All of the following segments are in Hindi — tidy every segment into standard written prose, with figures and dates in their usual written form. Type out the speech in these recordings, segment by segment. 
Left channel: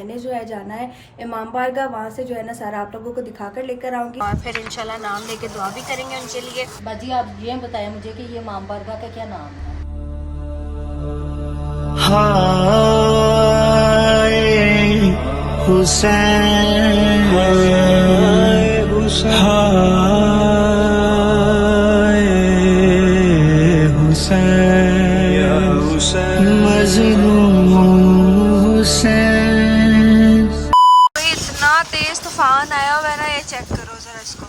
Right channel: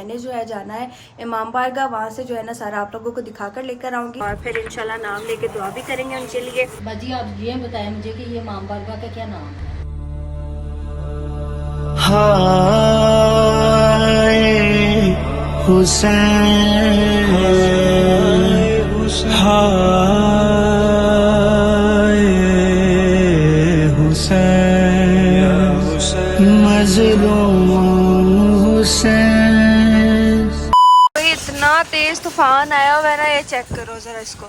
मैंने जो है जाना है इमाम बारगाह, वहाँ से जो है ना सारा आप लोगों को दिखा कर लेकर आऊँगी और फिर इंशाल्लाह नाम लेके दुआ भी करेंगे उनके लिए। बाजी आप ये बताएं मुझे कि ये इमाम बारगाह का क्या नाम है? हाय हुसैन, हाय हुसैन, मजलूम हुसैन। इतना तेज तूफान आया हुआ है ना, ये चेक करो जरा इसको।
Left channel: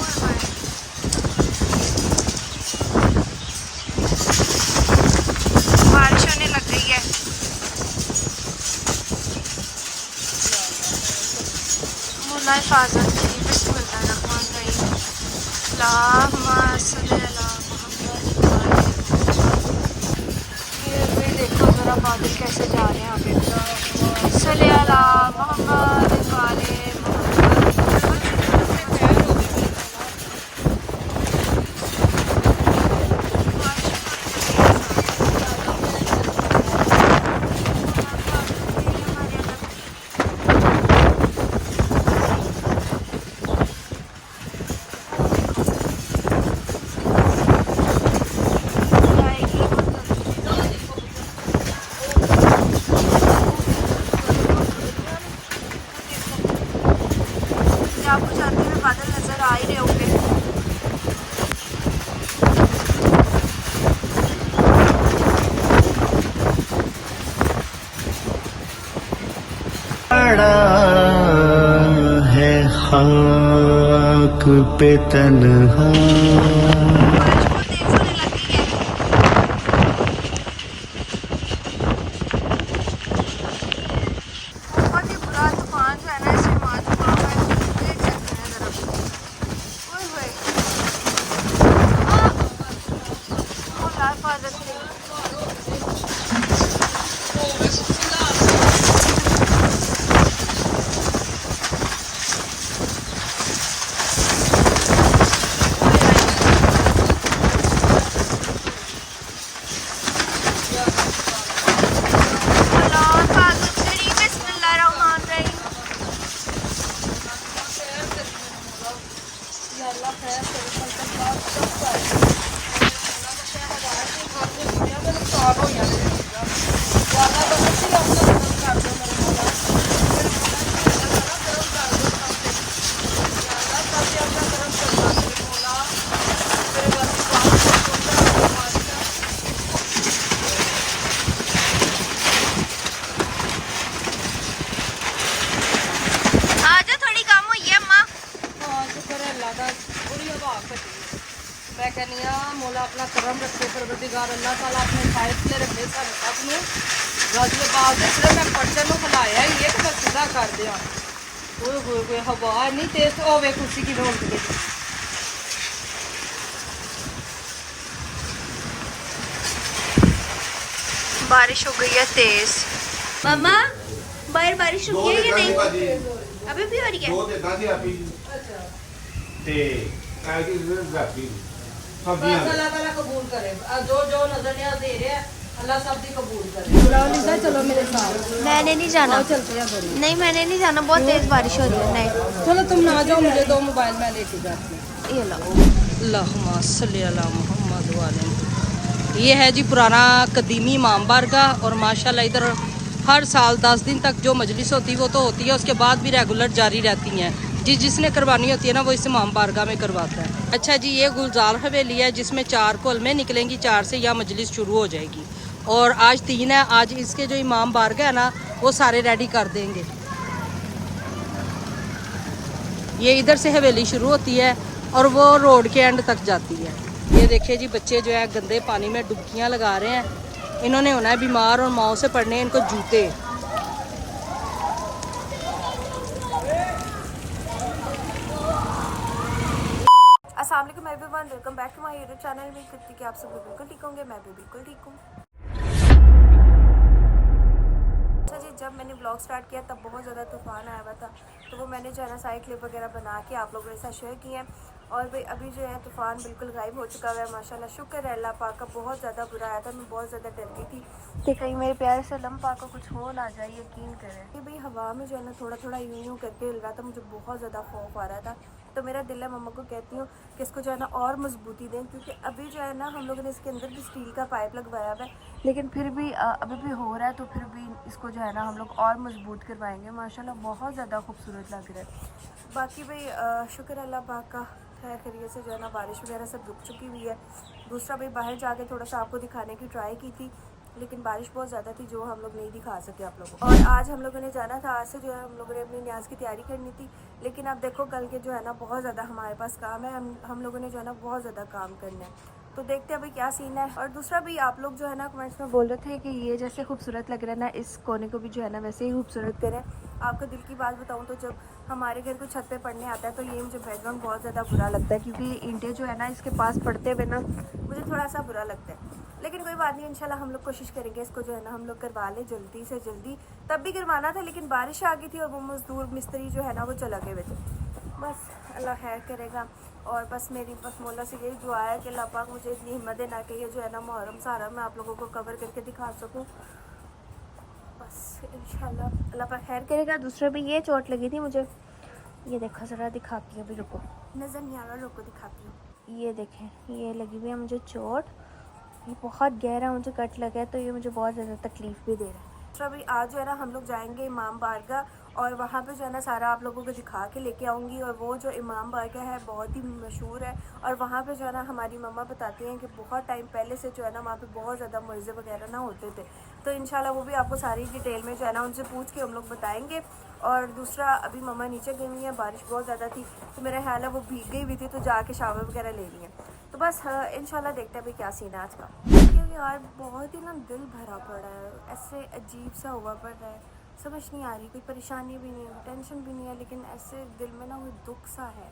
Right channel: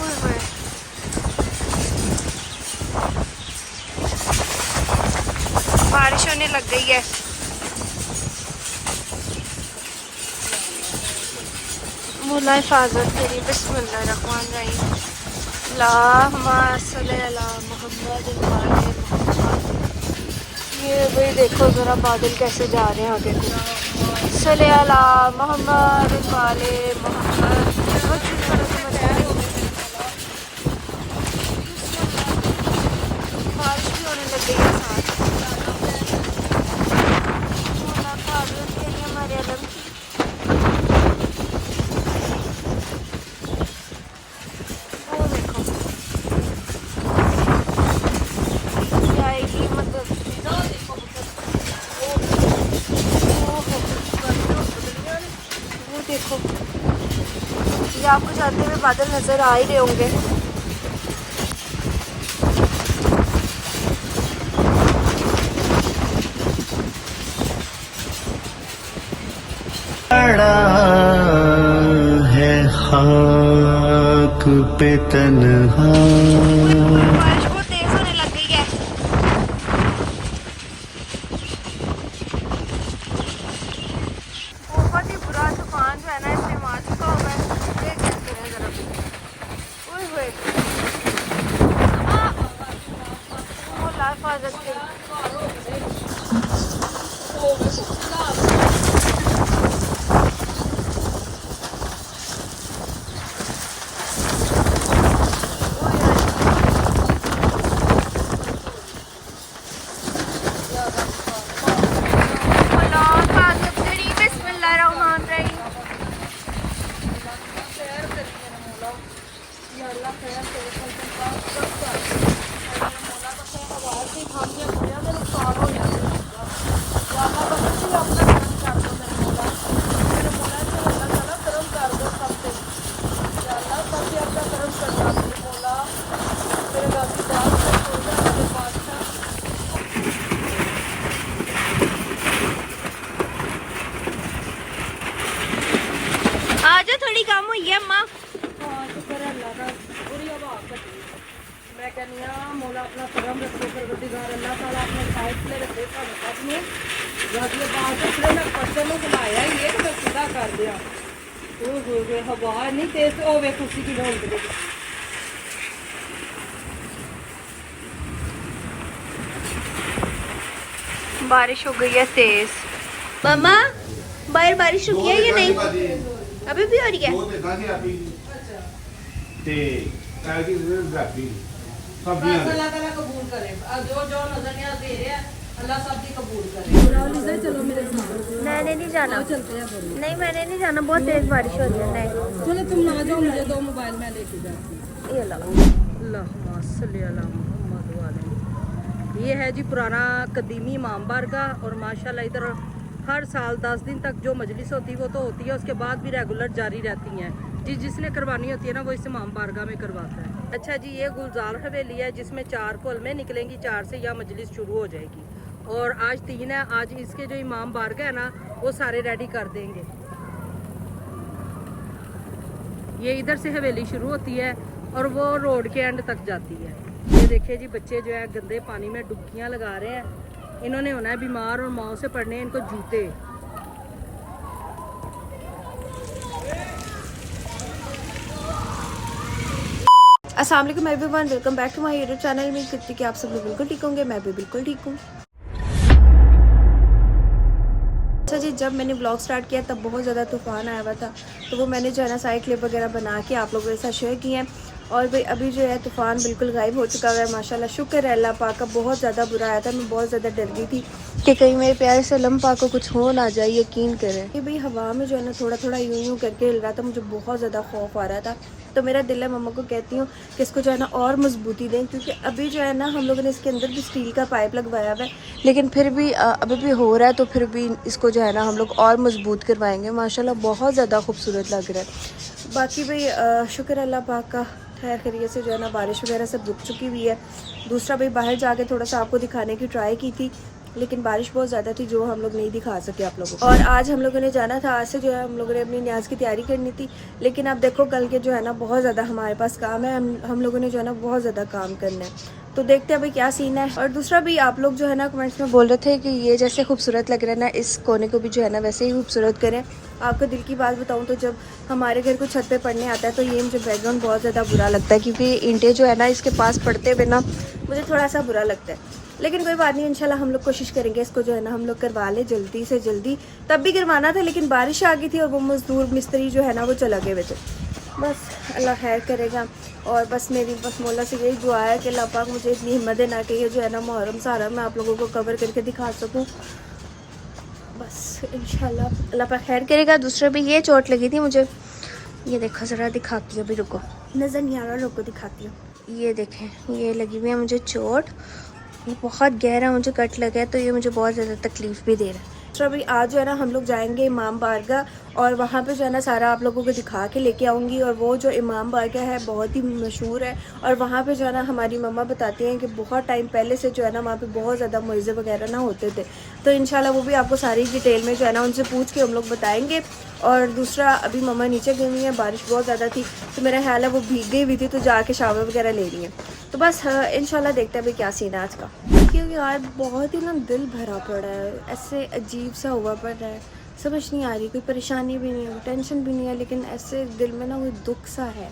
ओए होए। बारिश होने लग गई है। मौला हिफाजत तेरी, बिस्मिल्लाहिर्रहमानिर्रहीम, अल्लाहुम्मा सल्ली अला मुहम्मद वाले मुहम्मद। ये भाई देखो जरा बादल कैसे जा रहे हैं आगे। सल्ली अला मुहम्मद वाले मुहम्मद। बारिश भी होने लग गई है साथ। मौला हिफाजत तेरी हमारे अलग की। आपको जाते हुए बादल नजर आ ही रहे होंगे। पड़ा है खाक पे तन्हा। बारिश बहुत तेज होने लग गई है। बहुत ही बुरा तूफान जो है ना इसमें मार चुका हुआ है। ये चेक करें जरा। ओए होए। मौला हिफाजत तेरी। मौला हिफाजत तेरी, बिस्मिल्लाहिर्रहमानिर्रहीम। आजा थोड़ी कम हुई है अम्मा। मैं कहनी मौला अपना करम रखे, परवरदिगार अल्लाह ताला अपने फायदे रखे सारे सब नूं। गाजियाबाद जिसने मैं पर्सन नूं बुलाया ही है कि मैं सीधा कर दिया। ओए होए होए, हवा नहीं तेज होवे कुर्सी की ढोल दे। बारिश हो गई है तेज। मामा बाहर बारिश रुकी है या नहीं? अभी भी हो रही है। अल्लाह ताला कबूल करे, जो जो नजरिया दे रहे हैं अल्लाह सब दी कबूल करे। चलो मेरे साथ। मैंने नहीं जाना। चलते हैं बड़ी। नहीं मैंने नहीं जाना, बहुत तेज बारिश हो रही है। नहीं। चलो तुम ना जाओ, मुझे दो मोबाइल में लेके जाती हूँ। ये लो। अल्लाहुम्मा सल्ली अला मुहम्मद वाले। ये है जी पुराना कदीमी इमाम बारगाह, और माशाल्लाह इधर हर साल 10 दिन तक जो मजलिस होती है वो तो होती है, उसके बाद भी रेगुलर जारी रहती हैं। जिसने करवानी होती है ना वो इस इमाम बारगाह में करवाता है। अच्छा जी, ये गुलजार हवेली है जिसमें 4 कोलमें निकलेंगी, 4 से यह मजलिस शुरू हो जाएगी। और आज 3 है, आज इसके जो इमाम बारगाह है ना वो सारे रेडी कर देंगे। ये इधर से हवेली शुरू होती है और वो रोड के एंड तक जाती है। ये देखिए जी, बच्चे जो है गंदे पानी में डुबकियां लगा रहे हैं। इन्होंने होना है बीमार और माओ से पड़ने इनको जूते। अस्सलाम वालेकुम everyone, welcome back to my YouTube channel. उम्मीद करती कि आप सब लोग बिल्कुल ठीक होंगे, मैं भी बिल्कुल ठीक हूँ। अच्छा जी, जब मैंने ब्लॉग स्टार्ट किया तब बहुत ज़्यादा तूफान आया हुआ था, तो वो मैंने जो है ना साइड क्लिप वगैरह बना के आप लोगों के साथ शेयर किए हैं। और भाई अभी जो है तूफ़ान बिल्कुल गायब हो चुका है माशाल्लाह, शुक्र है अल्लाह पाक का। बहुत ज़्यादा बुरा आया था, मैं बहुत ज़्यादा डर गई थी कि कहीं मेरे प्यारे से अल्लाह पाक को कुछ हो ना जाए। यकीन करें कि भाई हवा में जो है ना थोड़ा थोड़ा यूं यूं करके हिल रहा था, मुझे बहुत ज़्यादा खौफ आ रहा था। तो मेरा दिल है मम्मा को कहती हूँ कि इसको जो है ना और मजबूती दें, क्योंकि अभी जो है ना हम लोगों ने इसके अंदर भी स्टील का पाइप लगवाया हुआ है, लेकिन फिर भी अभी भी हो रहा है, तो फिर भी इसको जो है ना हम लोग और मजबूत करवाएंगे। माशाल्लाह बहुत ज़्यादा खूबसूरत लग रहा है। बाकी भाई शुक्र अल्लाह पाक का, खैर खैरियत से जो है ना बारिश वगैरह सब रुक चुकी हुई है। दूसरा भाई बाहर जाके थोड़ा सा आपको दिखाने की ट्राई की थी, लेकिन बारिश बहुत ज़्यादा थी जो हम लोग नहीं दिखा सके आप लोगों को। और आज हम लोगों ने जाना था, आज से जो है हम लोगों ने अपनी न्याज की तैयारी करनी थी, लेकिन आप देखो कल के जो है ना बहुत ज़्यादा हमारे पास काम है, हम लोगों ने जो है ना बहुत ज़्यादा काम करना है। तो देखते हैं भाई क्या सीन है। और दूसरा भी आप लोग जो है ना कमेंट्स में बोल रहे थे कि ये जैसे खूबसूरत लग रहा है ना, इस कोने को भी जो है ना वैसे ही खूबसूरत करें। आपको दिल की बात बताऊं तो जब हमारे घर को छत पे पड़ने आता है तो ये मुझे बैकग्राउंड बहुत ज़्यादा बुरा लगता है, क्योंकि ईंटें जो है ना इसके पास पड़ते हुए ना मुझे थोड़ा सा बुरा लगता है। लेकिन कोई बात नहीं, इंशाल्लाह हम लोग कोशिश करेंगे इसको जो है ना हम लोग करवा ले जल्दी से जल्दी। तब भी करवाना था लेकिन बारिश आ गई थी और वो मजदूर मिस्त्री जो है ना वो चला गए हुए थे। बस अल्लाह खैर करेगा। और बस मेरी बस मौला से यही दुआ है कि अल्लाह पाक मुझे इतनी हिम्मत देना कि ये जो है ना मुहर्रम सारा मैं आप लोगों को कवर करके दिखा सकूं। बस इंशाल्लाह अल्लाह पाक खैर करेगा। दूसरे भी ये चोट लगी थी मुझे, ये देखो ज़रा दिखाती हूँ, अभी रुको, नज़र नहीं आ रहा, रुको दिखाती हूँ। ये देखें ये लगी हुई है मुझे चोट, ये बहुत गहरा मुझे कट लगा है, तो ये मुझे बहुत ज़्यादा तकलीफ़ भी दे रहा है। तो अभी आज जो है ना हम लोग जाएंगे इमाम बारगाह, और वहाँ पे जो है ना सारा आप लोगों को दिखा के लेके आऊँगी। और वो जो इमाम बारगाह है बहुत ही मशहूर है, और वहाँ पे जो है ना हमारी मम्मा बताती हैं कि बहुत टाइम पहले से जो है ना वहाँ पे बहुत ज़्यादा मुइज़े वगैरह ना होते थे। तो इंशाल्लाह वो भी आपको सारी डिटेल में जो है ना उनसे पूछ के हम लोग बताएँगे। और दूसरा अभी मम्मा नीचे गई हुई है, बारिश बहुत ज़्यादा थी तो मेरा ख्याल है वो भीग गई हुई थी, तो जाके शावर वगैरह ले रही है। तो बस इंशाल्लाह देखते हैं अभी क्या सीन है आज का। क्योंकि यार बहुत ही ना दिल भरा पड़ा है, ऐसे अजीब सा हुआ पड़ रहा है, समझ नहीं आ रही, कोई परेशानी भी नहीं है, टेंशन भी नहीं है, लेकिन ऐसे दिल में ना कोई दुख सा है,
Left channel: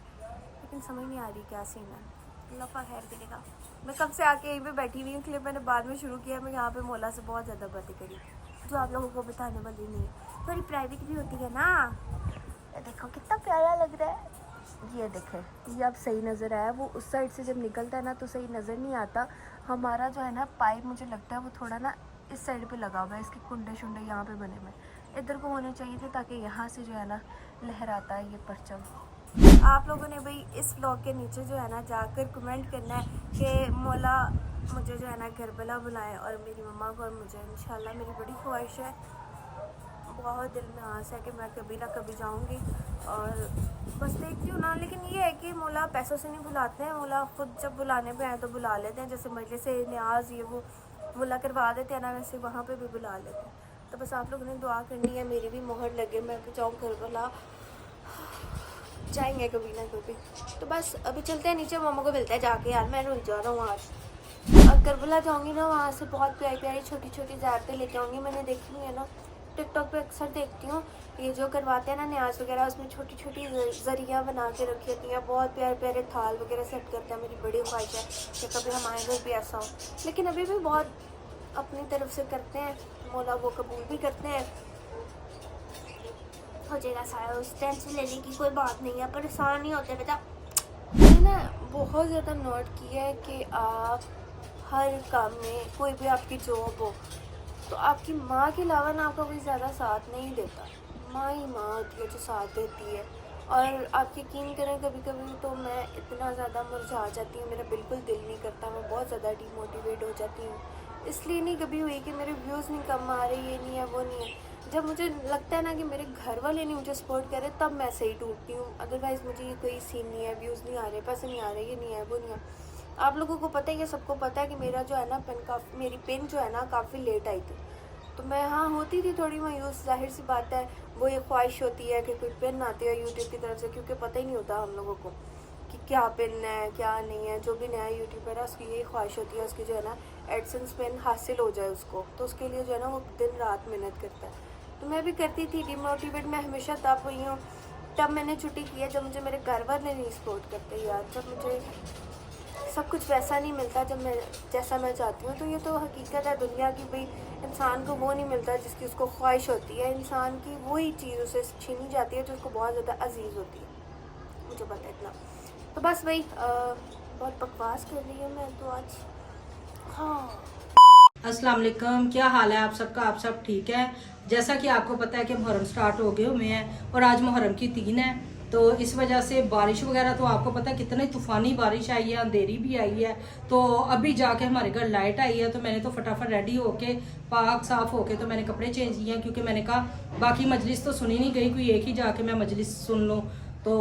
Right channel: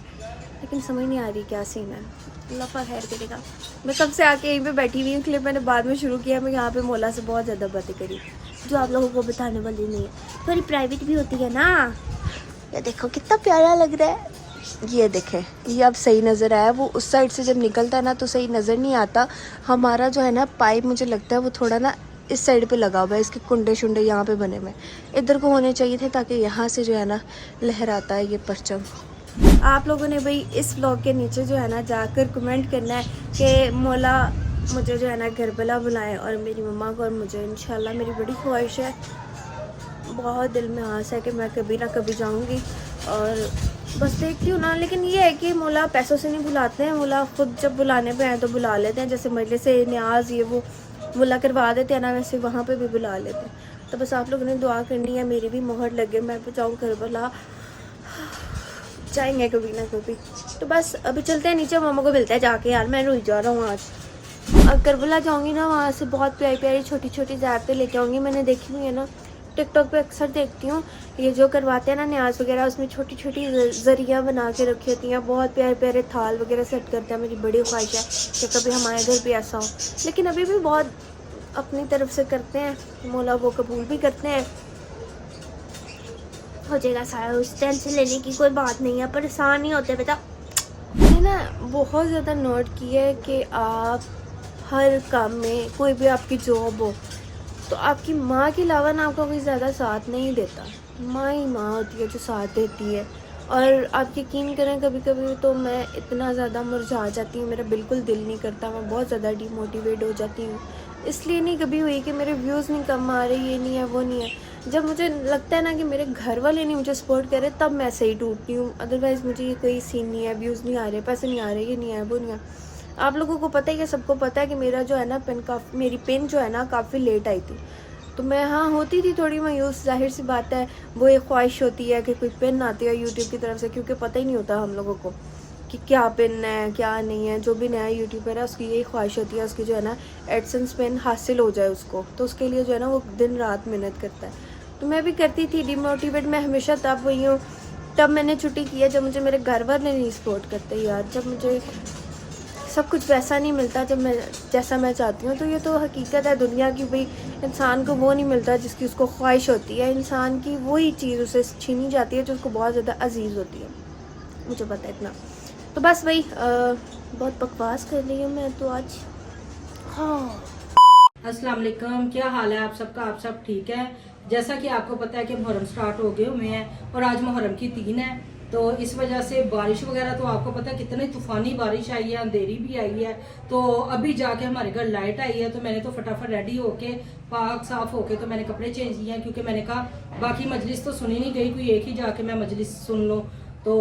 लेकिन समझ नहीं आ रही क्या सीन है। अल्लाह का खैर करेगा। मैं कब से आके यहीं पे बैठी हुई हूँ, क्लिप मैंने बाद में शुरू किया। मैं यहाँ पे मौला से बहुत ज़्यादा बातें करी जो आप लोगों को बताने वाली नहीं है, थोड़ी प्राइवेट भी होती है ना। ये देखो कितना प्यारा लग रहा है, ये देखें ये अब सही नज़र आया। वो उस साइड से जब निकलता है ना तो सही नज़र नहीं आता। हमारा जो है ना पाइप मुझे लगता है वो थोड़ा ना इस साइड पे लगा हुआ है, इसके कुंडे शुंडे यहाँ पे बने हुए, इधर को होने चाहिए थे ताकि यहाँ से जो है ना लहराता है ये परचम। आप लोगों ने भाई इस व्लॉग के नीचे जो है ना जाकर कमेंट करना है कि मौला मुझे जो है ना करबला बुलाएं और मेरी मम्मा को और मुझे। इंशाल्लाह मेरी बड़ी ख्वाहिश है, बहुत दिल में आस है कि मैं कभी ना कभी जाऊंगी, और बस देखती हूँ ना। लेकिन ये है कि मौला पैसों से नहीं बुलाते हैं, मौला खुद जब बुलाने पे आए तो बुला लेते हैं। जैसे मजलिस से न्याज ये वो मुला करवा देते हैं ना, वैसे वहाँ पे भी बुला लेते हैं। तो बस आप लोगों ने दुआ करनी है मेरी भी मोहर लगे, मैं भी जाऊँ करबला, जाएंगे कभी ना कभी। तो बस अभी चलते हैं नीचे, मामा को मिलता है जाके। यार मैं रुक जा रहा हूँ आज, और करबला जाऊँगी ना वहाँ से बहुत प्यारी प्यारी छोटी छोटी ज़्यारतें लेके आऊँगी। मैंने देखी हुई है ना टिकटॉक पे, अक्सर देखती हूँ ये जो करवाते हैं ना न्याज वगैरह, उसमें छोटी छोटी जरिया बना के रखी होती हैं, बहुत प्यारे प्यारे थाल वगैरह सेट करते हैं। मेरी बड़ी ख्वाहिश है कि कभी हमारे घर भी ऐसा हो, लेकिन अभी भी बहुत अपनी तरफ से करते हैं, मौला वो कबूल भी करते हैं। हो जाएगा सारा, उस टेंशन लेने की कोई बात नहीं है, परेशान नहीं होते बेटा। मैंने ना बहुत ज़्यादा नोट किया है कि आप हर काम में, कोई भी आपकी जॉब हो तो आपकी माँ के अलावा ना आपका कोई ज़्यादा साथ नहीं देता, माँ ही माँ होती है जो साथ देती है। और आप यकीन करें कभी कभी तो मैं इतना ज़्यादा मुरझा जाती हूँ, मेरा बिल्कुल दिल नहीं करता, मैं बहुत ज़्यादा डिमोटिवेट हो जाती हूँ। इसलिए नहीं कभी हुई कि मेरे व्यूज़ नहीं कम आ रहे, ये नहीं है वो नहीं है। जब मुझे लगता है ना कि मेरे घर वाले नहीं मुझे सपोर्ट कर रहे, तब मैं सही टूटती हूँ। अदरवाइज़ मुझे ये कोई सीन नहीं है, व्यूज़ नहीं आ रहे, पैसे नहीं आ रहे, ये नहीं है वो नहीं है। आप लोगों को पता ही है, सबको पता है कि मेरा जो है ना मेरी पेन जो है ना काफ़ी लेट आई थी। तो मैं हाँ होती थी थोड़ी मायूस, जाहिर सी बात है, वो एक ख्वाहिश होती है कि कोई पेन आती है यूट्यूब की तरफ से, क्योंकि पता ही नहीं होता हम लोगों को कि क्या पेन है क्या नहीं है। जो भी नया यूट्यूबर है उसकी यही ख्वाहिश होती है उसकी जो है ना एडसेंस पेन हासिल हो जाए उसको, तो उसके लिए जो है ना वो दिन रात मेहनत करता है। तो मैं भी करती थी डिमोटिवेट, मैं हमेशा तब हुई हूँ, तब मैंने छुट्टी किया जब मुझे मेरे घर वाले नहीं सपोर्ट करते यार, जब मुझे सब कुछ वैसा नहीं मिलता जैसा मैं चाहती हूँ। तो ये तो हकीकत है दुनिया की, भाई इंसान को वो नहीं मिलता जिसकी उसको ख्वाहिश होती है, इंसान की वही चीज़ उसे छीनी जाती है जो उसको बहुत ज़्यादा अजीज़ होती है, मुझे पता है इतना। तो बस वही बहुत बकवास कर रही हूँ मैं तो आज। हाँ, अस्सलाम वालेकुम, क्या हाल है आप सबका? आप सब ठीक है? जैसा कि आपको पता है कि मुहर्रम स्टार्ट हो गए हुए हैं और आज मुहर्रम की 3 है, तो इस वजह से बारिश वगैरह तो आपको पता है कितनी तूफानी बारिश आई है, अंधेरी भी आई है। तो अभी जाके हमारे घर लाइट आई है, तो मैंने तो फटाफट रेडी होके पाक साफ होके तो मैंने कपड़े चेंज किए हैं, क्योंकि मैंने कहा बाकी मजलिस तो सुनी नहीं गई, कोई एक ही जाके मैं मजलिस सुन लूँ। तो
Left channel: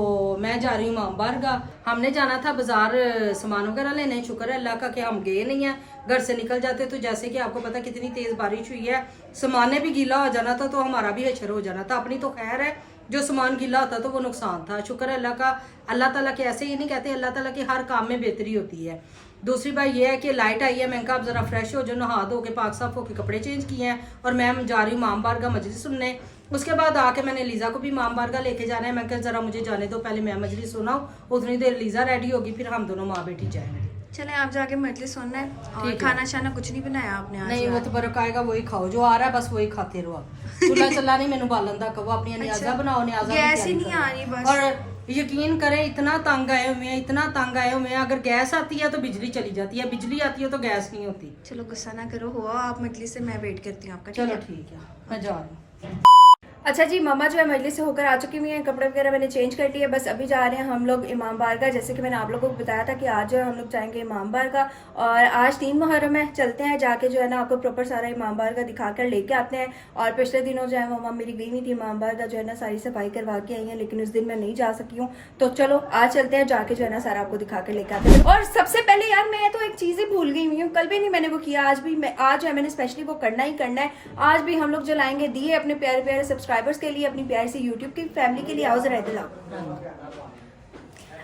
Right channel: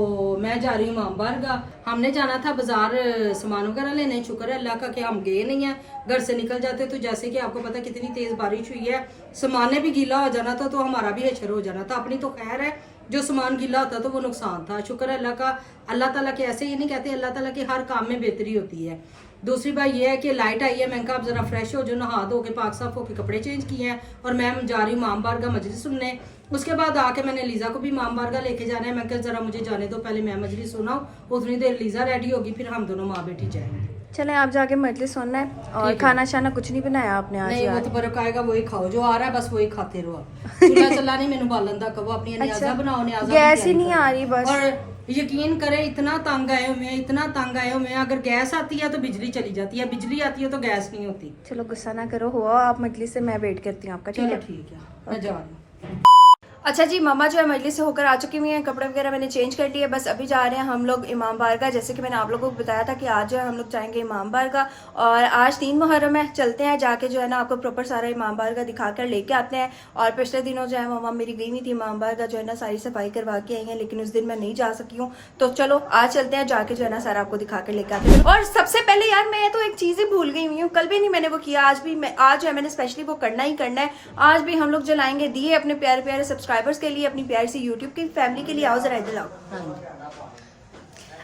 मैं जा रही हूँ इमाम बारगाह। हमने जाना था बाजार सामान वगैरह लेने, शुक्र है अल्लाह का कि हम गए नहीं हैं, घर से निकल जाते तो जैसे कि आपको पता कितनी तेज बारिश हुई है, सामान ने भी गीला हो जाना था तो हमारा भी हशर हो जाना था। अपनी तो खैर है, जो सामान गीला होता तो वो नुकसान था। शुक्र है अल्लाह का, अल्लाह ताला के ऐसे ही नहीं कहते, अल्लाह ताला के हर काम में बेहतरी होती है। दूसरी बात ये है कि लाइट आई है, मैंने कहा अब जरा फ्रेश हो जो, नहा धो के पाक साफ होके कपड़े चेंज किए हैं और मैं जा रही हूँ इमाम बारगाह मजलिस सुनने। उसके बाद आके मैंने लीजा को भी इमाम बारगाह लेके जाना है। मैं कहा जरा मुझे जाने दो, पहले मैं मजलिस सुनाऊं, उतनी देर लीजा रेडी होगी, फिर हम दोनों माँ बेटी जाएंगे। चले आप जाके मजलिस सुनना है। और ठीक है। खाना शाना कुछ नहीं बनाया आपने आज? नहीं, वो तो बरक आएगा वही खाओ, जो आ रहा है बस वही खाते रहो। चूल्हा चला नहीं मैंने बालन दा कहो, अपनी न्याजा बनाओ, न्याजा गैस ही नहीं आ रही बस। और यकीन करें इतना तंग आए हुए हैं, इतना तंग आए हुए हैं, अगर गैस आती है तो बिजली चली जाती है, बिजली आती है तो गैस नहीं होती। चलो गुस्सा ना करो, हुआ आप मजलिस से, मैं वेट करती हूँ आपका। ठीक चलो है, ठीक है, मैं जा रही हूँ। अच्छा जी, मम्मा जो है मजलिस से होकर आ चुकी हुई हैं, कपड़े वगैरह मैंने चेंज कर लिए, बस अभी जा रहे हैं हम लोग इमाम बारगाह। जैसे कि मैंने आप लोगों को बताया था कि आज जो है हम लोग जाएंगे इमाम बारगाह, और आज 3 मुहर्रम है। चलते हैं जाके जो है ना आपको प्रॉपर सारा इमाम बारगाह दिखाकर लेके आते हैं। और पिछले दिनों जो है मम्मा मेरी गई हुई थी इमाम बारगाह, जो है ना सारी सफाई करवा के आई है, लेकिन उस दिन मैं नहीं जा सकी हूँ। तो चलो आज चलते हैं, जाके जो है ना सारा आपको दिखा कर लेके आते हैं। और सबसे पहले यार मैं तो एक चीज ही भूल गई हुई हूँ, कल भी नहीं मैंने वो किया, आज भी मैं, आज जो है मैंने स्पेशली वो करना ही करना है। आज भी हम लोग जलाएंगे दिए अपने प्यारे प्यारे सब्सक्राइबर्स के लिए, अपनी प्यारी सी यूट्यूब की फैमिली के लिए। आओ जरा इधर आओ,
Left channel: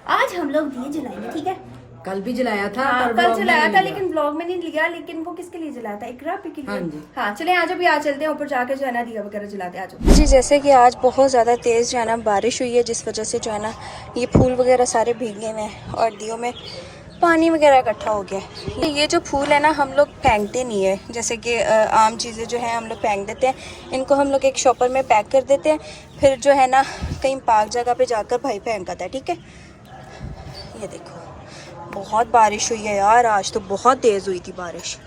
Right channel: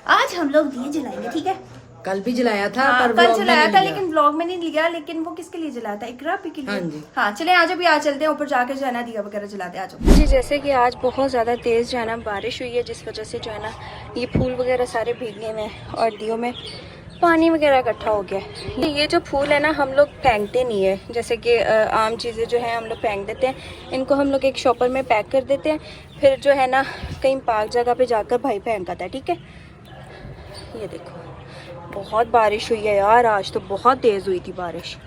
आज हम लोग दिए जलाएंगे, ठीक है? कल भी जलाया था, हाँ, पर कल व्लॉग में जलाया नहीं था लिया। लेकिन ब्लॉग में नहीं लिया। लेकिन वो किसके लिए जलाया था? इकरा पी के लिए। हाँ जी। हाँ चले आज अभी आज चलते हैं ऊपर जाके जो है ना दिया वगैरह जलाते हैं। आज जी जैसे कि आज बहुत ज़्यादा तेज़ जो है ना बारिश हुई है, जिस वजह से जो है ना ये फूल वगैरह सारे भीगे हुए हैं और दियों में पानी वगैरह इकट्ठा हो गया है। ये जो फूल है ना हम लोग फेंकते नहीं है, जैसे कि आम चीज़ें जो है हम लोग फेंक देते हैं, इनको हम लोग एक शॉपर में पैक कर देते हैं, फिर जो है ना कहीं पाक जगह पे जाकर भाई फेंक आता है, ठीक है? ये देखो बहुत बारिश हुई है यार, आज तो बहुत तेज़ हुई थी बारिश।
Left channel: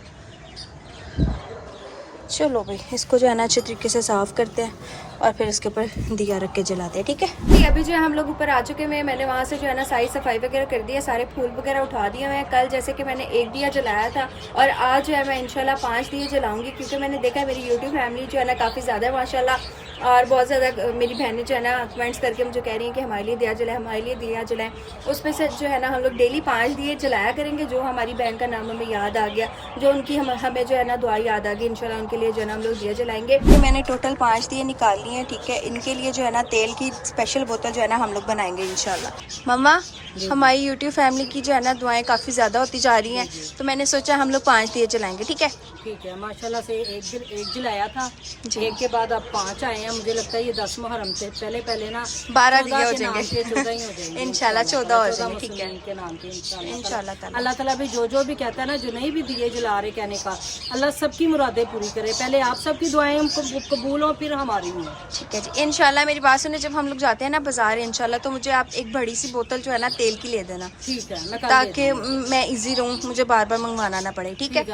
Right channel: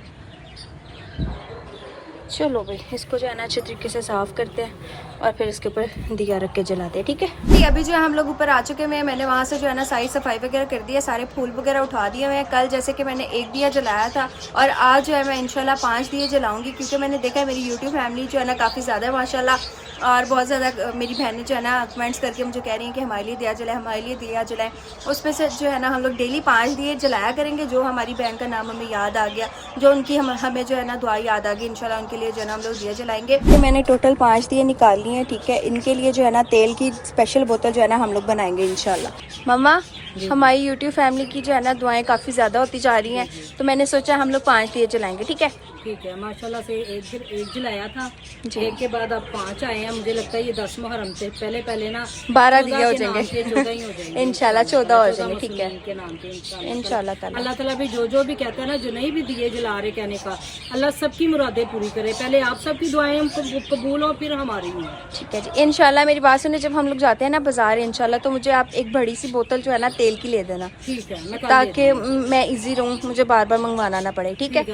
चलो भाई इसको जो है ना अच्छे तरीके से साफ़ करते हैं और फिर इसके ऊपर दिया रख के जलाते हैं, ठीक है? अभी जो है हम लोग ऊपर आ चुके हैं, मैंने वहाँ से जो है ना सारी सफाई वगैरह कर दी है, सारे फूल वगैरह उठा दिए हुए हैं। कल जैसे कि मैंने 1 दिया जलाया था और आज जो है मैं इंशाल्लाह 5 दिए जलाऊंगी, क्योंकि मैंने देखा है मेरी यूट्यूब फैमिली जो है ना काफ़ी ज़्यादा है माशाल्लाह, और बहुत ज़्यादा मेरी बहनें जो है ना कमेंट्स करके मुझे कह रही हैं कि हमारे लिए दिया जलाए, हमारे लिए दिया जलाएं। उस पर से जो है ना हम लोग डेली 5 दिए जलाया करेंगे। जो हमारी बहन का नाम हमें याद आ गया, जो उनकी हमें जो है ना दुआ याद आ गई, इंशाल्लाह उनके लिए जो है ना हम लोग दिया जलाएंगे। तो मैंने टोटल 5 दिए निकाल लिए हैं, ठीक है? इनके लिए जो है ना तेल की स्पेशल बोतल जो है ना हम लोग बनाएंगे इंशाल्लाह। मम्मा हमारी यूट्यूब फैमिली की जो है ना दुआएं काफ़ी ज़्यादा होती जा रही हैं, तो मैंने सोचा हम लोग 5 दिए जलाएंगे, ठीक है? ठीक है, माशाल्लाह से एक जलाया था, एक के बाद अब 5 आए हैं। मुझे लगता है ये 10 मुहर्रम से पहले ना 12 दिए हो जाएंगे 14 ही हो जाएंगे इंशाल्लाह, 14 हो जाएंगे, ठीक है? के नाम पे इंशाल्लाह ताला। अल्लाह ताला भी जो भी कहता है ना, जो नहीं भी दिए जला रहे कहने का, अल्लाह सबकी मुरादें पूरी करे। पहले आप सबकी दुआएं हम कबूल हो, फिर हमारी हो। ठीक है जी, इंशाल्लाह। मेरी बात सुने, जब हम लोग जाते हैं ना बाजार इंशाल्लाह, तो मुझे आप एक बड़ी सी बोतल जो है ना तेल की ले देना, ठीक है? मैं ताकि मैं इजी रहूँ, मुझे बार बार मंगवाना ना पड़े, ठीक है?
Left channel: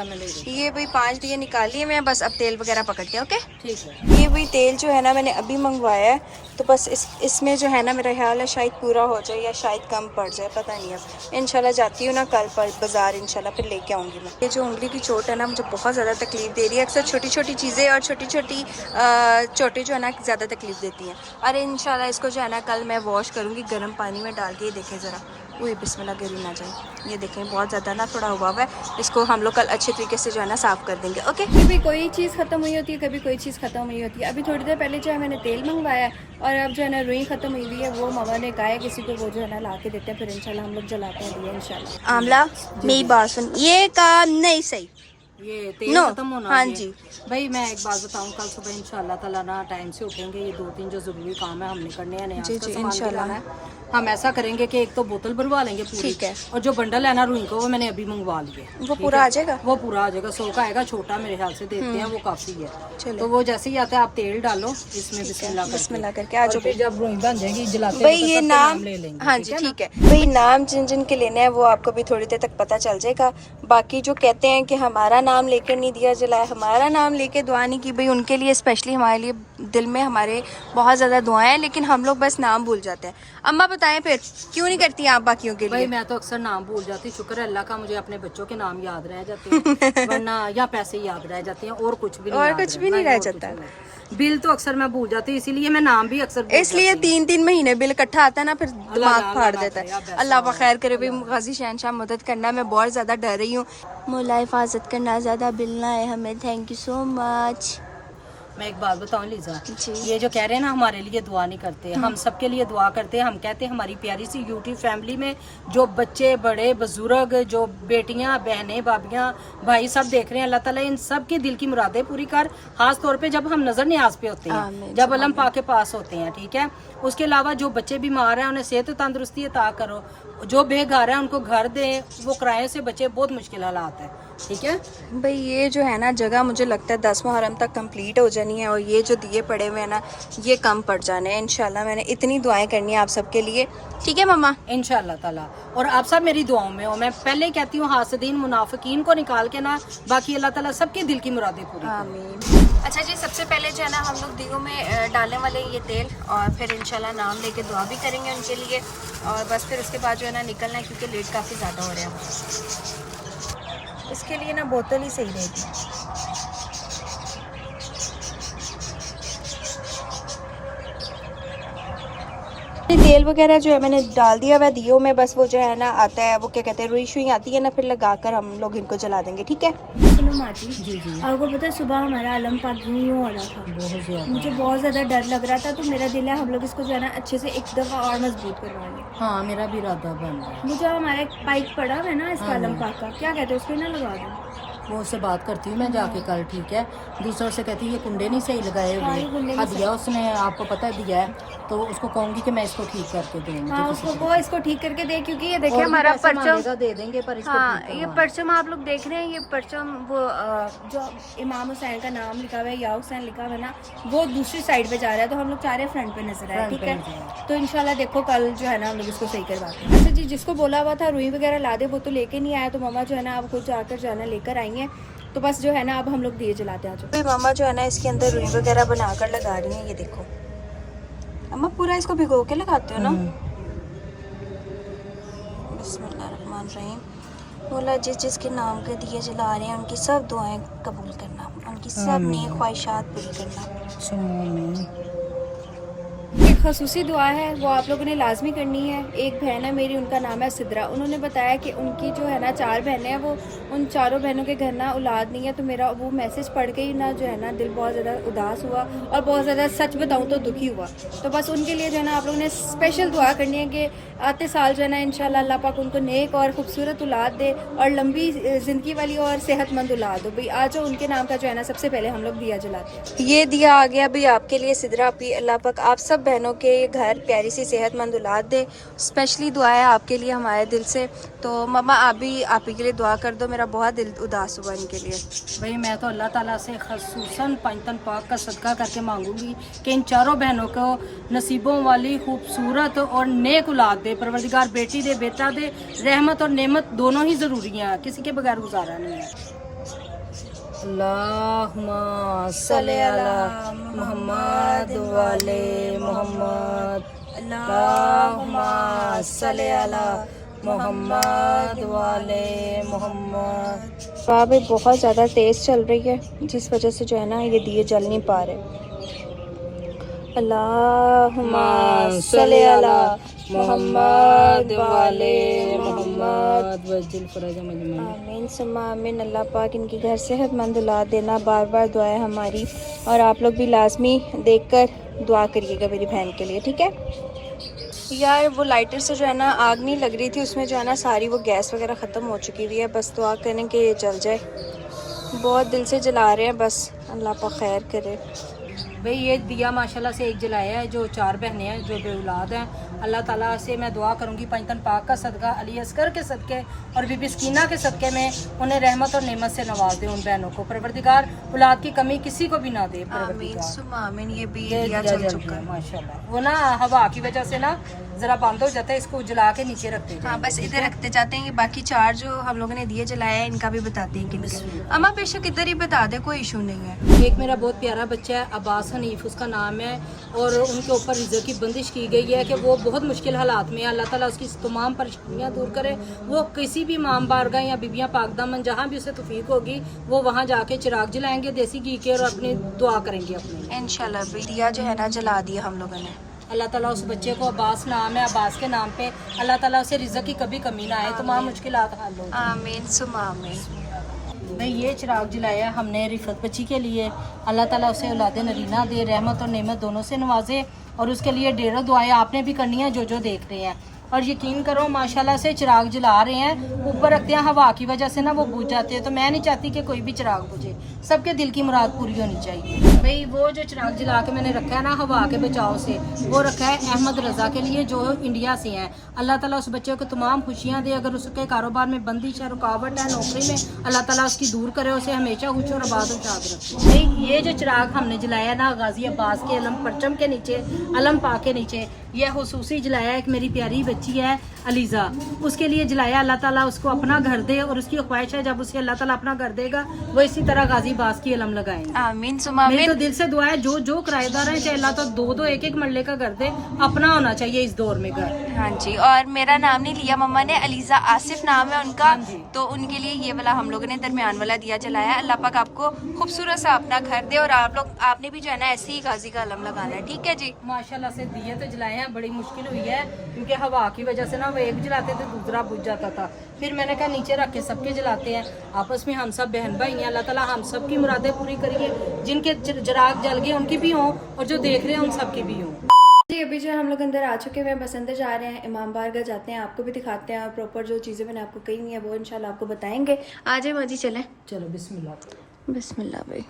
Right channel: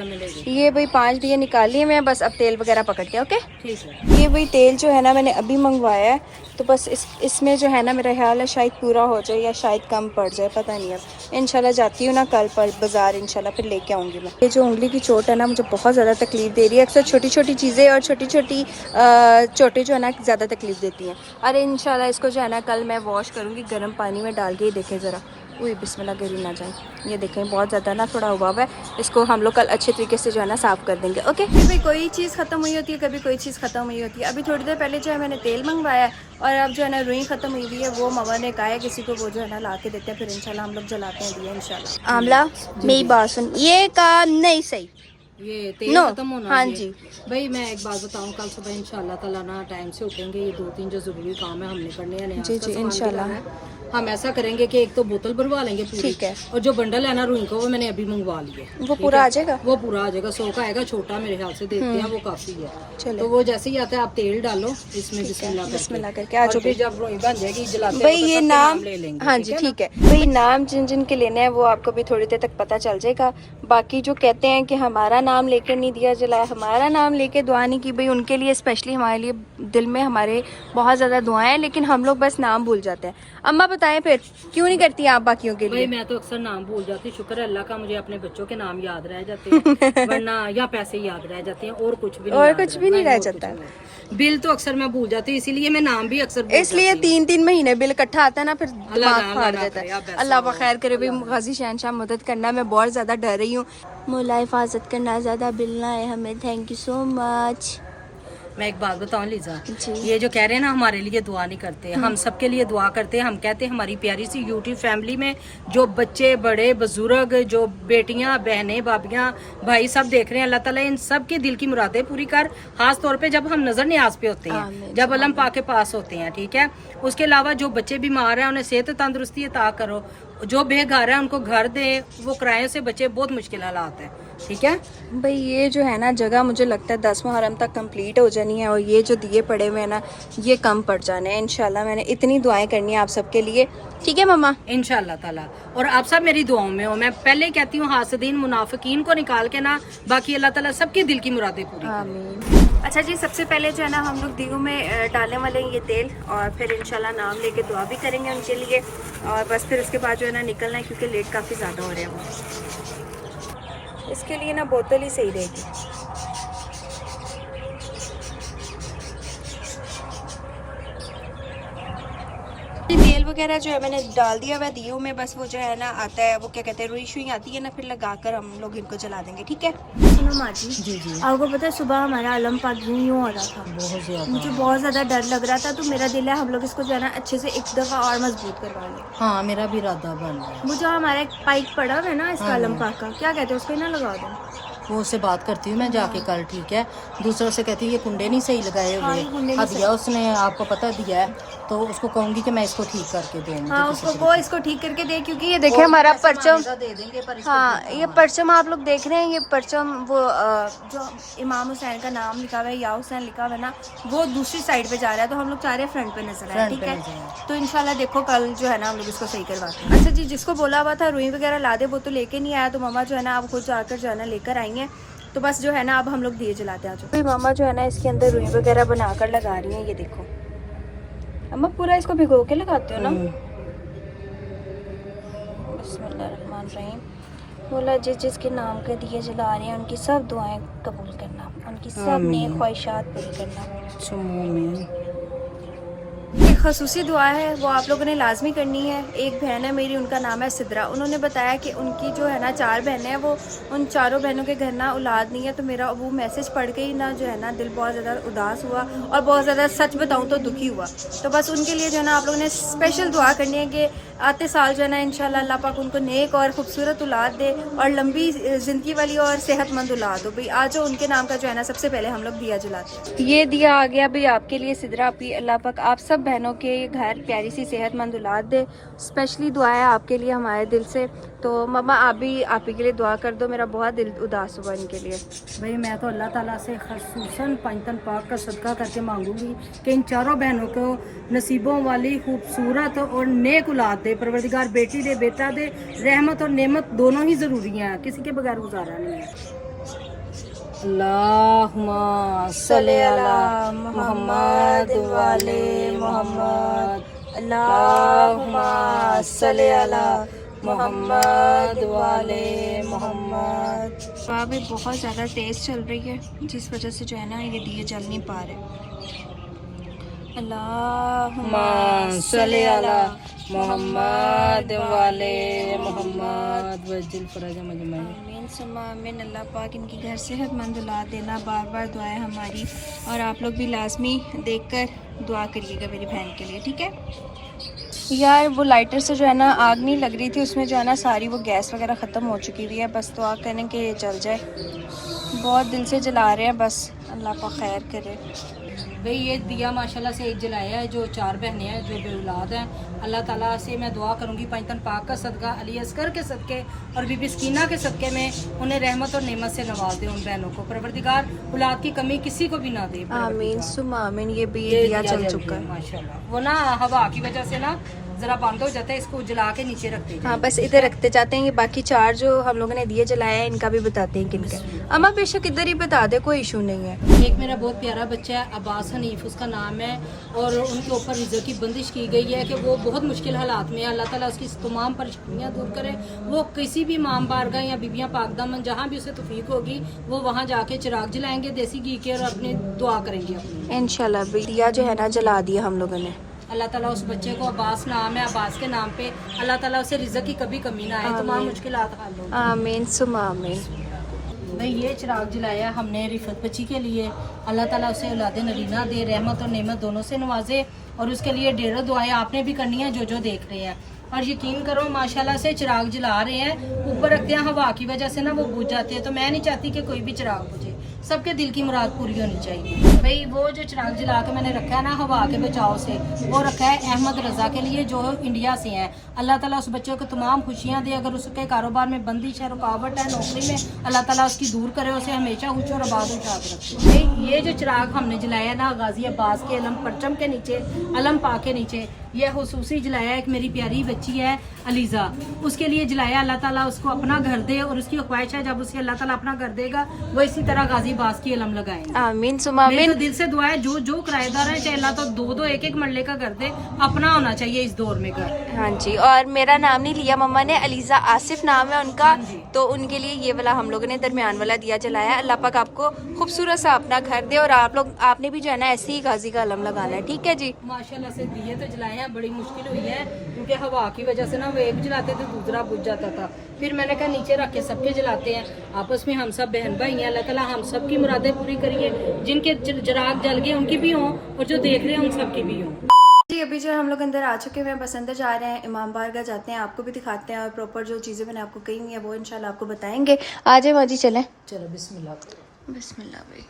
ये भाई 5 दिए निकाल लिए मैं, बस अब तेल वगैरह पकड़ के, ओके? ठीक है। ये वही तेल जो है ना मैंने अभी मंगवाया है, तो बस इसमें जो है ना मेरा ख्याल है शायद पूरा हो जाए या शायद कम पड़ जाए, पता नहीं। अब इंशाल्लाह जाती हूँ ना कल पर बाजार, इंशाल्लाह फिर लेके आऊँगी मैं। ये जो उंगली की चोट है ना मुझे बहुत ज़्यादा तकलीफ दे रही है। अक्सर छोटी छोटी चीज़ें और छोटी छोटी चोटें जो है ना ज़्यादा तकलीफ देती हैं। और इंशाल्लाह इसको जो है ना कल मैं वॉश करूँगी गर्म पानी में डाल के। ये देखें ज़रा, वही बिस्मिल्लाह गिरी ना जाए। ये देखें बहुत ज़्यादा ना थोड़ा हुआ हुआ है, इसको हम लोग कल अच्छे तरीके से जो है ना साफ़ कर देंगे, ओके? कभी कोई चीज़ ख़त्म हुई होती है, कभी कोई चीज़ ख़त्म हुई होती है। अभी थोड़ी देर पहले जो है मैंने तेल मंगवाया और अब जो है ना रुई ख़त्म हुई हुई है, वो मामा ने कहा है किसी को वो जो है ना ला के देते हैं, फिर इंशाल्लाह हम लोग जलाते हैं दिया इंशाल्लाह। आमला मेरी बात सुन, ये काम नहीं सही, ये तेल खत्म होना। हाँ जी भाई मैं एक बात बताऊं, कल सुबह इंशाल्लाह ताला ना टाइम से उठेंगे, ये 2-3 जो जरूरी काम है हमने करने हैं जी जी इंशाल्लाह। हम ऐसा करेंगे कि एक तो बोतल भरवा लेंगे पूरी, ठीक है। और जो बंडल है ना रुई का वो मैंने अभी मंगवा लिए। वो पूरा आ जाएगा? वो पूरा आ जाएगा, 100 का आएगा, छोटा मेरे ख्याल से देते हैं, वो काफी है। चलो तो वो जैसे ही आता है आप तेल डालो इसमें, बिस्मिल्लाह करके आ जाओ। जब रुई बन जाएगी जलाते भाई वक्त ये सबसे नाम, कम ले लेंगे। हाँ जी ठीक है भाई, नाम जिन जिन के लेना है वो आपको भी थोड़ी देर तक पता चल जाएगा। बाकी जो कहते हैं कि हमारा नाम लेकर नहीं दिया जलाया, हमारा नाम लेके दुआ नहीं की, भाई उनके लिए स्पेशली हमारे लिए दिल में हमारे बहुत ज़्यादा दुआएं हैं, लेकिन हम लोग बस नाम भूल जाते हैं। अम्मा बताएं फिर क्यों नहीं करती आप बाकियों के भाई लिए? मैं तो अक्सर नाम भूल जाती, शुक्र है अल्लाह का मुझे अपने बच्चों के नाम याद रह जाते हैं वरना या पैसे याद रह जाते हैं और कुछ भी नहीं, और याद कुछ भी नहीं रह और कुछ जाता। नहीं। बिल तो अक्सर मैं भूल जाती, इसीलिए मैं नाम भी अक्सर भूल इसलिए जाती हूँ। 3-3 महीने बिल इकट्ठा आता है ना, फिर दिमाग ना फाड़ ना देता करे, है। आप ऐसा अल्लाह हो। खैर करे भाई, गाजी शहनशाह मदद करना, मैं बहुत ज़्यादा डर रही हूँ। मौला हिफाजत करना, ज़्यादा बिल ना है हमें। Thank you so much. मैं एक बात बताऊं लीजा, जी। ये जो कह रहे हैं ना हमारे लिए दुआ नहीं करते, हम सबके लिए दुआ करते हैं। हम कहते हैं हमारी प्यारी सी यूट्यूब फैमिली में जो बच्चे बड़े बुजुर्ग, जो बेटियां बहनें भाभियां भाई सब देख रहे हैं, अल्लाह ताला इन सब की दिल की मुरादें पूरी कर। खास तौर पे जब हम नजर न्याज पे होते हैं, आमीन। जब अलम पाक के पास होते हैं, ठीक है। उसके अलावा जो बच्चे बीमार हैं उन्हें सेहत तंदुरुस्ती अता करो, जो बेघर है उनको घर दे, वो किराए से बचे, बहुत मुश्किल हालात है, ठीक है भाई ये जो है ना जगह मुझे लगता है 10 मुहर्रम तक कंप्लीट हो जानी है, और ये जो दिए पड़े हुए हैं ना ये कम पड़ जाने हैं इंशाल्लाह। मैंने इतनी दुआएं करनी है आप सबके लिए, ठीक है मम्मा? इंशाल्लाह ताला। और आप सब मेरी दुआओं में हो। मैं पहले ही कहती हूँ हासदीन मुनाफिकीन को निकाल के ना, बाकी अल्लाह ताला सबके दिल की मुरादें पूरी करे। आमीन। अच्छा जी, सबसे पहले जो है ना हम लोग दियों में डालने वाले हैं ये तेल, और फिर इंशाल्लाह नाम लेके दुआ भी करेंगे उनके लिए, और बस फिर उसके बाद जो है ना निकलना है क्योंकि लेट काफ़ी ज़्यादा हो रहे हैं। इसके लिए ना बोतल ही सही रहेगी। तेल वगैरह जो है मैंने डाल दिया हुआ दियो में, बस वो जो है ना आता है, वो क्या कहते हैं रुई शुई आती है ना, फिर लगाकर हम लोग इनको जला देंगे, ठीक है। सुनो माँ जी, आपको पता है सुबह हमारा अलम पाक यूं हो रहा था, बहुत ज्यादा। मुझे बहुत ज़्यादा डर लग रहा था, तो मेरा दिल है हम लोग इसको जो है ना अच्छे से एक दफ़ा और मजबूत करवा लें। हाँ मेरा भी इरादा बन रहा है। वो जो हमारा एक पाइप पड़ा हुआ है ना इसका अलम पाक का, क्या कहते हैं उसको ही ना लगा दो। वो उससे बात करती हूँ मैं जाके कल, ठीक है। दूसरों से कहती है ये कुंडे नहीं सही लगाए हाँ, ये कुंडे हुए, नहीं दिया उसने आपको पता दिया है, तो उसको कहूँगी कि मैं इसको ठीक करके दूँ। हाँ उसको वो इसको ठीक करके दे, क्योंकि ये देखिए हमारा परचम दे देंगे पर इसको हाँ ठीक ये करवा। परचम आप लोग देख रहे हैं, ये परचम वो जो इमाम हुसैन का नाम लिखा हुआ है या हुसैन लिखा हुआ है ना, वो दूसरी साइड पे जा रहा है, तो हम लोग चाह रहे हैं फ्रंट पे नजर आए, ठीक है। तो इंशाल्लाह देखो कल जो है ना हम लोग इसको सही करवाते हैं। अच्छा जी, जिसको बोला हुआ था रुई वगैरह ला दे वो तो लेके नहीं आया, तो मामा जो है ना आप खुद जाकर जो है ना लेकर आई हैं, तो बस जो है ना अब हम लोग दिए जलाते हैं। तो मामा जो है ना इसके अंदर रुई वगैरह बनाकर लगा रही हैं, ये देखो अम्मा पूरा इसको भिगो के लगाते हो ना। बिस्मिल्लाहिर्रहमानिर्रहीम। बोला जिस जिसके नाम के दिए जला रहे हैं उनकी सब दुआएं कबूल करना, उनकी सब नेक ख्वाहिशात पूरी करना। एक खसूसी दुआ है वो आप लोगों ने लाजमी करनी है। एक बहन है मेरी, उनका नाम है सिद्रा, उन्होंने बताया कि उनकी जो है ना 4 बहनें हैं, वो उन चारों बहनों के घर ना औलाद नहीं है, तो मेरा वो मैसेज पढ़ के ही ना जो है ना दिल बहुत ज़्यादा उदास हुआ और बहुत ज़्यादा सच बताऊँ तो दुखी हुआ। तो बस उनके लिए जो है ना आप लोगों ने स्पेशल दुआ करनी है कि आते साल जो है ना इंशाल्लाह अल्लाह पाक उनको नेक और खूबसूरत औलाद दे और लंबी ज़िंदगी वाली और सेहतमंद औलाद हो। भाई आज जो उनके नाम का जो है ना सबसे पहले हम लोग दिया जलाते हैं। ये दिया आ गया भाई आपके लिए सिद्रा आपी, अल्लाह पाक आप सब बहनों के घर प्यारी सी सेहतमंद औलाद दे। स्पेशली दुआ है आपके लिए हमारे दिल से। तो मम्मा आप भी आप ही के लिए दुआ कर दो, मेरा बहुत दिल उदास हुआ इनके लिए। भाई मैं तो अल्लाह ताला से खसूसन पंजतन पाक का सदका करके मांगूंगी कि इन चारों बहनों को नसीबों वाली खूबसूरत और नेक औलाद दे। परवरदिगार बेटी दे बेटा दे, रहमत और नेमत दोनों ही ज़रूरी हैं, किसी के बगैर गुजारा नहीं है। अल्लाहुम्मा सल्ली अला मुहम्मद वाले मुहम्मद, अल्लाहुम्मा सल्ली अला मुहम्मद वाले मुहम्मद। बाबे बहुत ज़्यादा तेज़ चल रही है जिस वजह से जो है ना ये दिए जल नहीं पा रहे। अल्लाहुम्मा सल्ली अला मुहम्मद वाले मुहम्मद। आमीन सुम्मा आमीन। अल्लाह पाक इनकी घर सेहतमंद औलाद देना, बार बार दुआ है हमारी, और आप लोग भी लाजमी देखकर दुआ करिएगा मेरी बहन के लिए, ठीक है यार। वो लाइटर से जो है ना आग नहीं लग रही थी, उसमें जो है ना सारी वो गैस वगैरह ख़त्म हो चुकी हुई है। बस दुआ करें कि ये जल जाए, बहुत दिल से जला रहे हैं, बस अल्लाह पाक खैर करे। भाई ये दिया माशाल्लाह से एक जलाया है, जो 4 बहनें हैं जो बेऔलाद हैं। अल्लाह ताला से मैं दुआ करूंगी पंजतन पाक का सदका, अली असगर के सदके और बीबी सकीना के सदके में उन्हें रहमत और नेमत से नवाज दे उन बहनों को। परवरदिगार औलाद की कमी किसी को भी ना दे। आमीन सुम्मा आमीन। ये भी ये दिया दिया चल जल चुका गया है। माशाल्लाह। वो ना हवा की वजह से ना जरा बंद हो जाता है, इसको जला के नीचे रखते हैं। हाँ बस इधर रखते जाते हैं। ये बाकी 4 जो हम लोगों ने दिए जलाए हैं इनका भी बताते हैं किनका। अम्मा बेशक इधर ही बता दे, कोई इशू नहीं है। एक मेरा बहुत प्यारा बच्चा है अब्बास हनीफ उसका नाम है, और उनके ऊपर रिज़्क़ की बंदिश की गई है कि वो बहुत मुश्किल हालात में है। अल्लाह ताला उसकी तमाम परेशानियां दूर करे। वो किसी भी इमाम बारगाह या बीबियां पाकदामन जहाँ भी उसे तौफीक होगी वो वहाँ जाके चिराग जलाएंगे देसी घी के और अपनी दुआ करेंगे अपनी। इंशाल्लाह भी दिया जो है ना जला दिया हम लोगों ने। अल्लाह ताला उस बच्चे को अब्बास नाम है, अब्बास के नाम पे अल्लाह ताला उसे रिज़्क़ की कभी कमी ना आए, तमाम मुश्किलात हल हो। आमीन सुम्मा आमीन। मैं ये चिराग जलाया हमने रिफत बच्ची के लिए। अल्लाह ताला उसे औलाद नरीना दे, रहमत और नेमत दोनों से नवाजे, और उसके लिए ढेरों दुआएं आपने भी करनी है जो देख रहे हैं। और यकीन करो माशाल्लाह से चिराग जला रहे हैं, ऊपर रखते हैं, हवा की वजह से ना वो बुझ जाते हैं। तो मैं नहीं चाहती कि कोई भी चिराग बुझे, सबके दिल की मुराद पूरी होनी चाहिए। भाई वो जो चिराग जला के मैंने रखा है ना हवा के बचाव से, वो रखा है अहमद रजा के लिए जो इंडिया से हैं। अल्लाह ताला उस बच्चे को तमाम खुशियाँ दे। अगर उसके कारोबार में बंदिश है, रुकावट है, नौकरी में, अल्लाह ताला उसकी दूर करे, उसे हमेशा खुश और आबाद और शाद रखे। भाई ये जो चिराग हमने जलाया ना गाजी अब्बास के अलम परचम के नीचे, अलम पा के नीचे, ये हुसूसी जलाया एक मेरी प्यारी बच्ची है अलीजा, उसके लिए जलाया। अल्लाह ताला उसको अपना घर दे, और उसकी ख्वाहिश है जब उसे अल्लाह ताला अपना घर देगा वो इसी तरह गाजी बास की अलम लगाएंगे। आमीन सुम्मा मेरे आमीन। तो दिल से दुआ है जो किराएदार है चाहे अल्लाह तो 2-2 1-1 मरले का घर दे, अपना होना चाहिए इस दौर में घर। हाँ जी, और मेरा नाम नहीं लिया मम्मा ने, अलीजा आसिफ नाम है उनका। हाँ जी। तो उनके लिए ये वाला हम लोगों ने दरमियान वाला दिया जलाया। अल्लाह पाक आपको खूबसूरत सा अपना घर दे, और आपने भी जो है ना ऐसे ही गाजी का अलम लगाना है। ठीक है जी। माशाल्लाह से दिए तो जलाए हैं, बड़ी मुश्किल हुई है क्योंकि हवा की वजह से ना वो एक जलाते थे दूसरा बुझ जाता था। फिर मैंने कहा नीचे रख के सबके जलाते हैं, आपस में हम सब बहन भाई हैं। अल्लाह ताला हम सब की मुरादें पूरी करिए, जिनके चिराग जल गए उनकी भी हों और जो देख रहे हैं उन सब की भी हों। जी अभी जो हम लोग अंदर आ चुके हैं, बस अंदर जा रहे हैं, इमाम बारगाह जाते हैं, आपको भी दिखाते हैं और प्रॉपर जो चीज़ें मैंने आपको कही हुई है वो इंशाल्लाह आपको बताएंगे। आ जाए माजी चलें। चलो बिस्मिल्लाह। बिस्मिल्लाह भाई।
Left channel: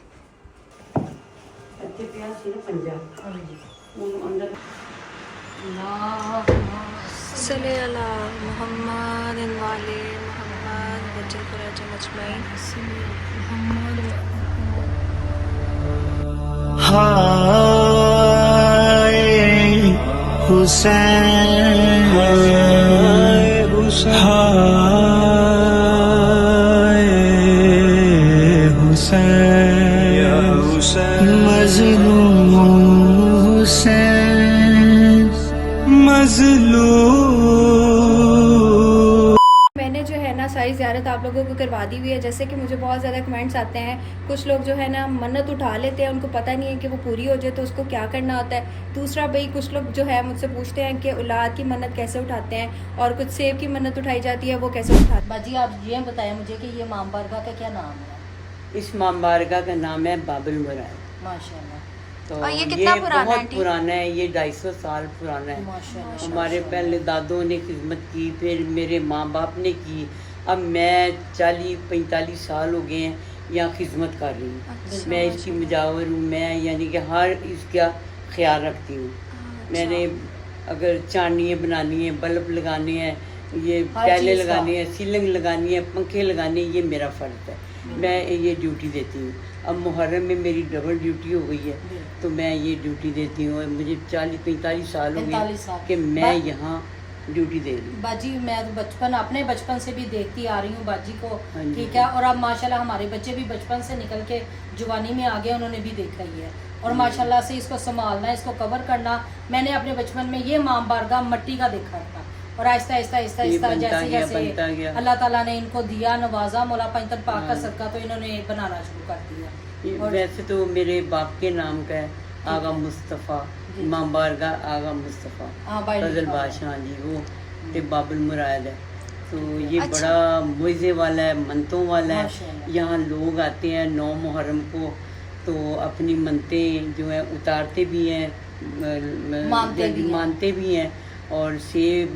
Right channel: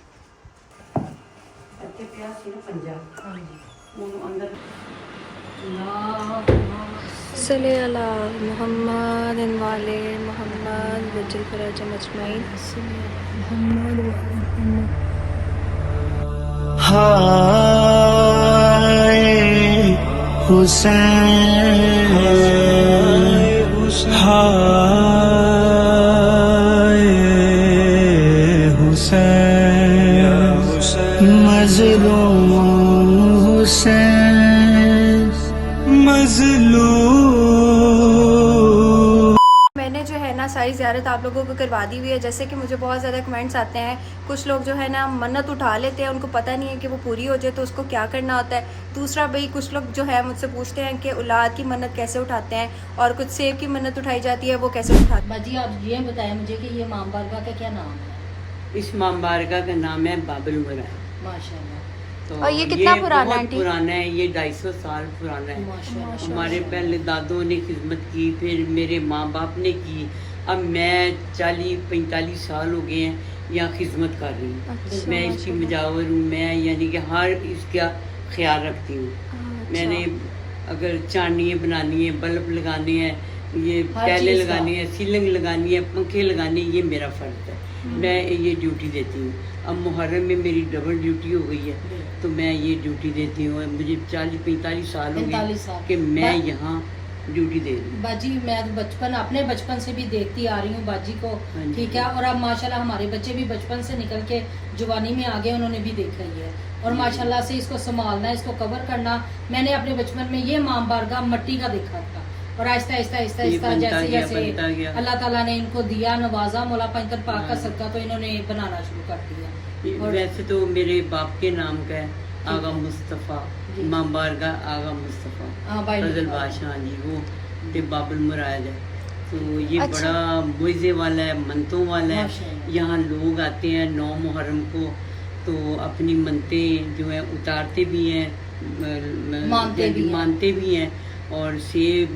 सल्ले अला मुहम्मद वाले मुहम्मद वजल फराज मजमाइन। हाय हुसैन, हाय हुसैन, मजलूम हुसैन, मजलूम। मैंने जो है ना सारी ज़ियारत आप लोगों को करवा दी हुई है। जैसे कि मुझे बहुत ज़्यादा कमेंट्स आते हैं, कुछ लोग जो है ना मन्नत उठा लेते हैं, उनको पता नहीं है कि वो पूरी हो जाए तो उसको क्या करना होता है। दूसरा भाई कुछ लोग जो है मुझसे पूछते हैं कि औलाद की मन्नत कैसे उठाते हैं, और कुछ सेब की मन्नत उठाई जाती है वो कैसे उठाते हैं। बाजी आप ये बताएं मुझे कि ये इमाम बारगाह का क्या नाम है? इस इमाम बारगाह का नाम है बाबुल मुराद। माशाल्लाह। तो और ये कितना पुराना है बहुत आंटी? पुराना है, ये 250 साल पुराना है। माशाल्लाह। हमारे पहले दादों ने खिदमत की, फिर मेरे माँ बाप ने की। अब मैं 40-45 साल हो गए हैं यहाँ खिदमत कर रही हूँ। अच्छा, मैं इसकी मुजावर हूँ, मैं यानी कि हर इसका ख्याल रखती हूँ। मैंने अगर चांदियाँ बनानी है, बल्ब लगाने हैं, ये हर टैले चीज़ का। लगानी है, सीलिंग लगानी है, पंखे लगाने हैं, ये मेरा फ़र्ज है। मैं ये ड्यूटी देती हूँ। अब मुहर्रम में मेरी डबल ड्यूटी हो गई है, तो मैं ये ड्यूटी देती हूँ। मुझे 40-45 साल हो 45 साल। गए कि मैं यहाँ ड्यूटी दे रही हूँ। बाजी मैं तो अपने बचपन से भी देखती आ रही हूँ बाजी को, हाँ जी। ठीक है। और अब माशाल्लाह हमारे बच्चे भी बचपन से निकल के जवानी में आ गए, उन्होंने भी देखा ही है। और माशाल्लाह से इसको संभालना, इसको कवर करना, मैंने अपने बचपन में ये इमाम बारगाह मट्टी का देखा था, और आहिस्ता आहिस्ता आहिस्ता ये आहिस्ता बनता जैसे गया, जैसे बनता गया। अल्लाह ताला ने इनको दिया, नवाजा, मौला पंजतन पाक का सदका, तो इन्होंने बनाना शुरू कर दिया। ये और वैसे तो मेरे बाप के नाम का है आगा मुस्तफ़ा, जी। इमाम बारगाह आगा मुस्तफ़ा हाँ भाई फजल बादशाह जी, वो ते बाबुल मुराद है। तो ये अच्छा। बड़ा मुइज़े वाला है, मनतों वाला है। माशाल्लाह। यहाँ लोग आते हैं 9 मुहर्रम को, तो अपनी मनतें जो हैं उतारते भी हैं, मानते भी हैं। और सेब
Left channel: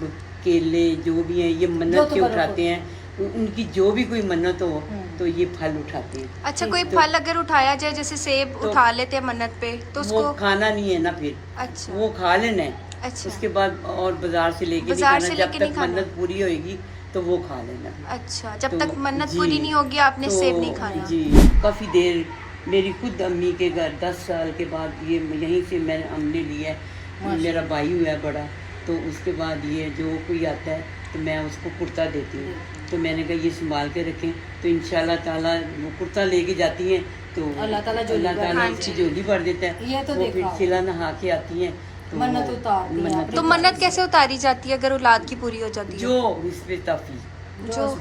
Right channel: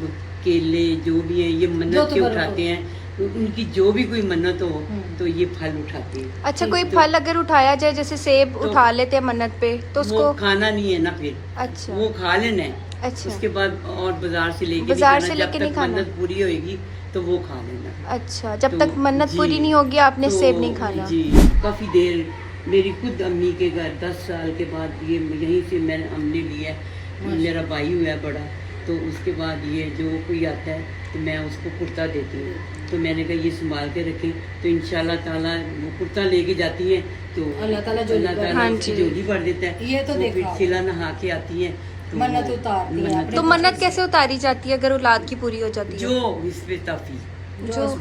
केले जो भी हैं ये मन्नत जो के तो उठाते हैं उनकी जो भी कोई मन्नत हो तो ये फल उठाते हैं। अच्छा, कोई फल अगर उठाया जाए, जैसे सेब उठा लेते हैं मन्नत पे, तो वो उसको खाना नहीं है ना फिर, अच्छा वो खा लेना है। अच्छा उसके बाद और बाजार से लेके बाजार नहीं से खाना, लेके जब नहीं तक खाना। मन्नत पूरी होगी तो वो खा लेना। अच्छा, जब तो तक मन्नत जी, पूरी नहीं होगी आपने तो सेब नहीं खाना। जी, काफी देर मेरी खुद अम्मी के घर 10 साल के बाद ये यहीं से मैंने हमने लिया है। मेरा भाई हुआ है बड़ा, तो उसके बाद ये जो कोई आता है तो मैं उसको कुर्ता देती हूँ। तो मैंने कहा ये संभाल के रखें, तो इंशाल्लाह ताला वो कुर्ता लेके जाती हैं तो अल्लाह ताला झोली भर- हाँ उसकी जी। झोली भर देता है। ये तो वो फिर देखा खिला नहा के आती हैं तो मन्नत उतारती हैं मन्नत तो मन्नत कैसे उतारी जाती है अगर औलाद की पूरी हो जाती है? जो उस पे तौफीक,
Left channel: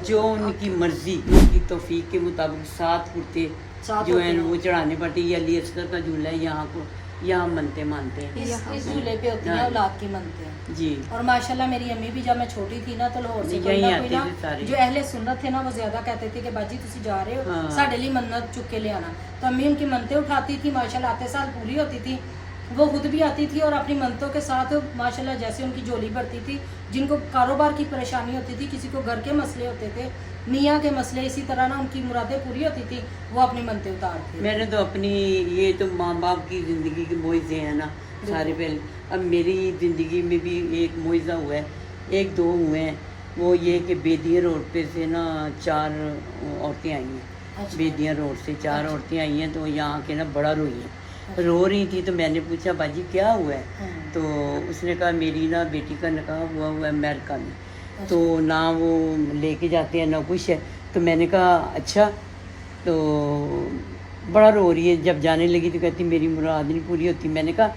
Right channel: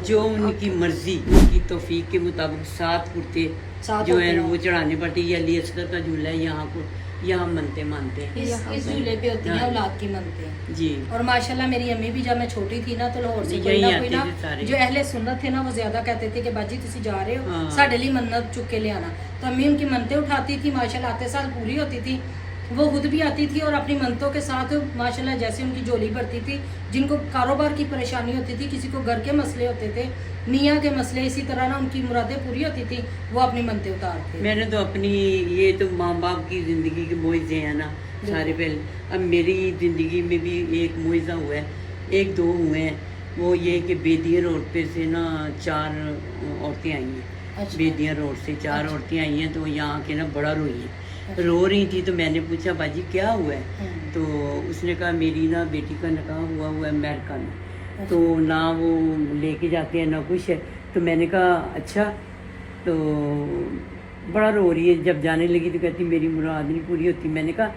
जो उनकी मर्जी, उनकी तौफीक के मुताबिक 7 कुर्ते सात जो होते है हैं। वो चढ़ाने पड़ते हैं। ये अली असगर का झूला है, यहाँ को यहाँ मनते मानते हैं। इस झूले पे होती है हाँ। औलाद की मनते हैं। जी, और माशाल्लाह मेरी अम्मी भी जब मैं छोटी थी ना तो लाहौर से कोई यहीं ना आते कोई ना थे सारे। जो अहले सुन्नत थे ना वो ज्यादा कहते थे कि बाजी तुसी जा रहे हो हाँ। साडे लिए मन्नत चुक के ले आना। तो अम्मी उनकी मनते उठाती थी, माशाल्लाह आते साल पूरी होती थी। वो खुद भी आती थी और अपनी मनतों के साथ माशाल्लाह जैसे उनकी झोली भरती थी। जिनको कारोबार की परेशानी होती थी, किसी को घर के मसले होते थे, निया के मसले, इसी तरह ना उनकी मुरादें पूरी होती थी, वो अपनी मनते उतारते। मैंने तो अपनी ये तो माँ बाप की जिंदगी के मुआवजे हैं ना सारे पहले। अब मेरी जिंदगी में भी एक मुआवजा हुआ है, 1-2 हुए हैं। वो ये कि बेदिया रोड पे से ना 4 औरतें आई हैं। अच्छा। बेदिया रोड से 4 औरतें आई हैं, तो यहाँ के ना बड़ा रोई हैं। रो रही थी तो मैंने पूछा बाजी क्या हुआ है? तो उसने कहा मेरी ना बेटी का निकाह हुआ है अमेरिका में, तो ना वो लेके जाते हैं ना कुछ है। तो मैंने कहा अच्छा, तो बड़ा रो रही है। जब जाने लगी तो कहती मेरी मुराद नहीं पूरी होती। मैंने कहा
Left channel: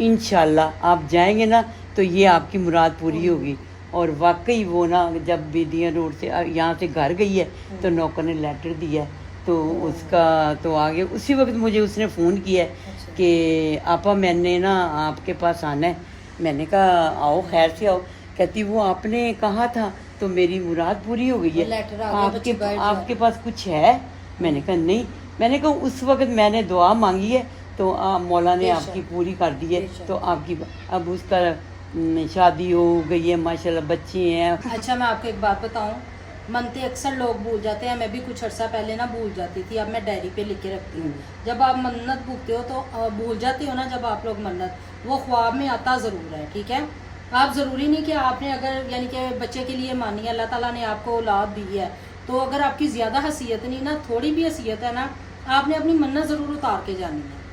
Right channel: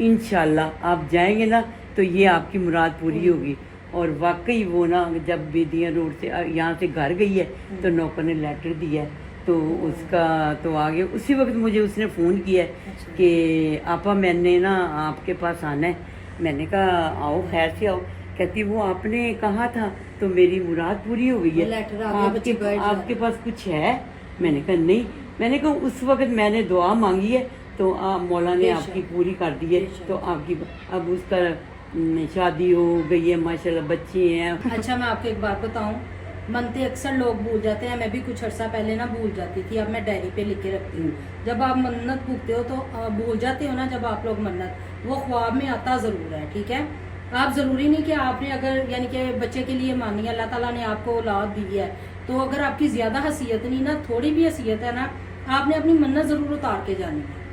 इंशाल्लाह आप जाएंगे ना तो ये आपकी मुराद पूरी होगी। और वाकई वो ना जब बेदिया रोड से यहाँ से घर गई है तो नौकर ने लेटर दिया है, तो उसका तो आगे उसी वक्त मुझे उसने फ़ोन किया है कि आपा मैंने ना आपके पास आना है। मैंने कहा आओ, खैर से आओ। कहती वो आपने कहा था तो मेरी मुराद पूरी हो गई है, लेटर आ गया, बच्ची बैठ जाए। आपके पास कुछ है? मैंने कहा नहीं। मैंने कहा उस वक्त मैंने दुआ मांगी है तो मौला ने बेशक। आपकी पूरी कर दी है। बेशक। तो आपकी अब उसका शादी हो गई है, माशाल्लाह बच्चे हैं। अच्छा, मैं आपको एक बात बताऊं, मनते अक्सर लोग भूल जाते हैं। मैं भी कुछ अर्सा पहले ना भूल जाती थी, अब मैं डायरी पे लिख के रखती हूँ। जब आप मन्नत पूछते हो तो भूल जाते हो ना, जब आप लोग मन्नत, वो ख्वाब में आता ज़रूर है, ठीक है। आप ज़रूरी नहीं कि आपने अगर यानी कि बच्चे के लिए मानी, अल्लाह ताला ने आपको औलाद दी है, तो अगर आपकी ज़्यादा हैसियत नहीं ना, थोड़ी भी हैसियत है ना, आपने अपनी मन्नत ज़रूर उतार के जानी है।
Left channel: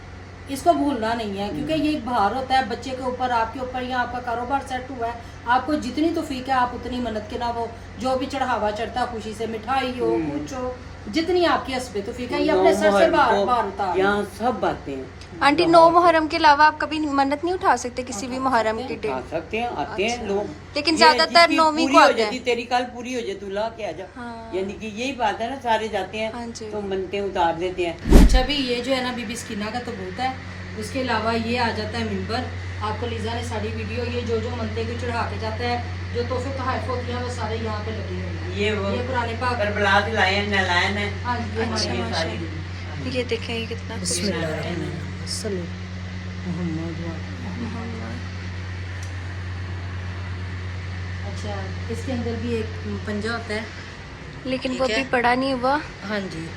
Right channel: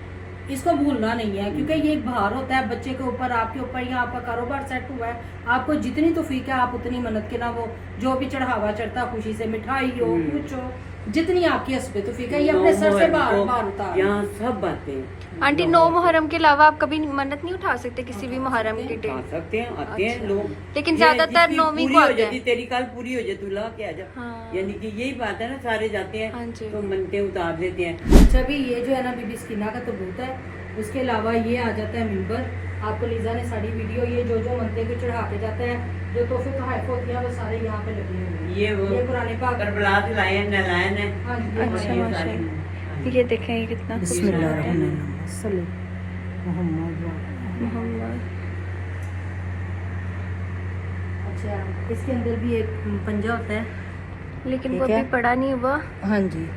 इसको भूलना नहीं है, क्योंकि ये एक भार होता है बच्चे के ऊपर, आपके ऊपर, या आपका कारोबार सेट हुआ है, आपको जितनी तौफीक है आप उतनी मन्नत के ना वो जो भी चढ़ावा चढ़ता, खुशी से मिठाई हो, कुछ हो, जितनी आपकी हस्बे तौफीक है, ये अपने सर से बार उतार। यहाँ सब बातें हैं। आंटी 9 मुहर्रम के अलावा आप कभी मन्नत नहीं उठा सकते किसी भी मुहर्रम के आ दिन? सकते हैं, आते हैं लोग, लेकिन ये ज्यादातर जिसकी 9वीं पूरी को हो आते जाती, हैं। तेरी काल पूरी हो जाए तू ला के आ जा। हाँ। यानी कि यही बात है ना, सारे जाते हैं हाँ जी। तो मनते उतार देते हैं। अच्छा, भी ये जो है ना बीबी स्कीना का तो बहुत है। उसके अलावा ये आ जाता है मिंबर, आपको लीजा ने सारी वीडियो, ये जो जो मनते को चढ़ा के जाता है, जो तोहफे तोहफ होती हैं वो सारे यहाँ पे लगे हुए हैं। ये वो पुराने पाक, करबला से लाए हैं, नलायन है। हाँ जी, ये अच्छा, हमारे माशाल्लाह। ये देखें ये कितना खूबसूरत है। मोहम्मद। अच्छा, इसके अंदर भी एक पंजा होता है, लेकिन ठीक वो है। भी बड़ा नहीं हुआ। हाँ जी।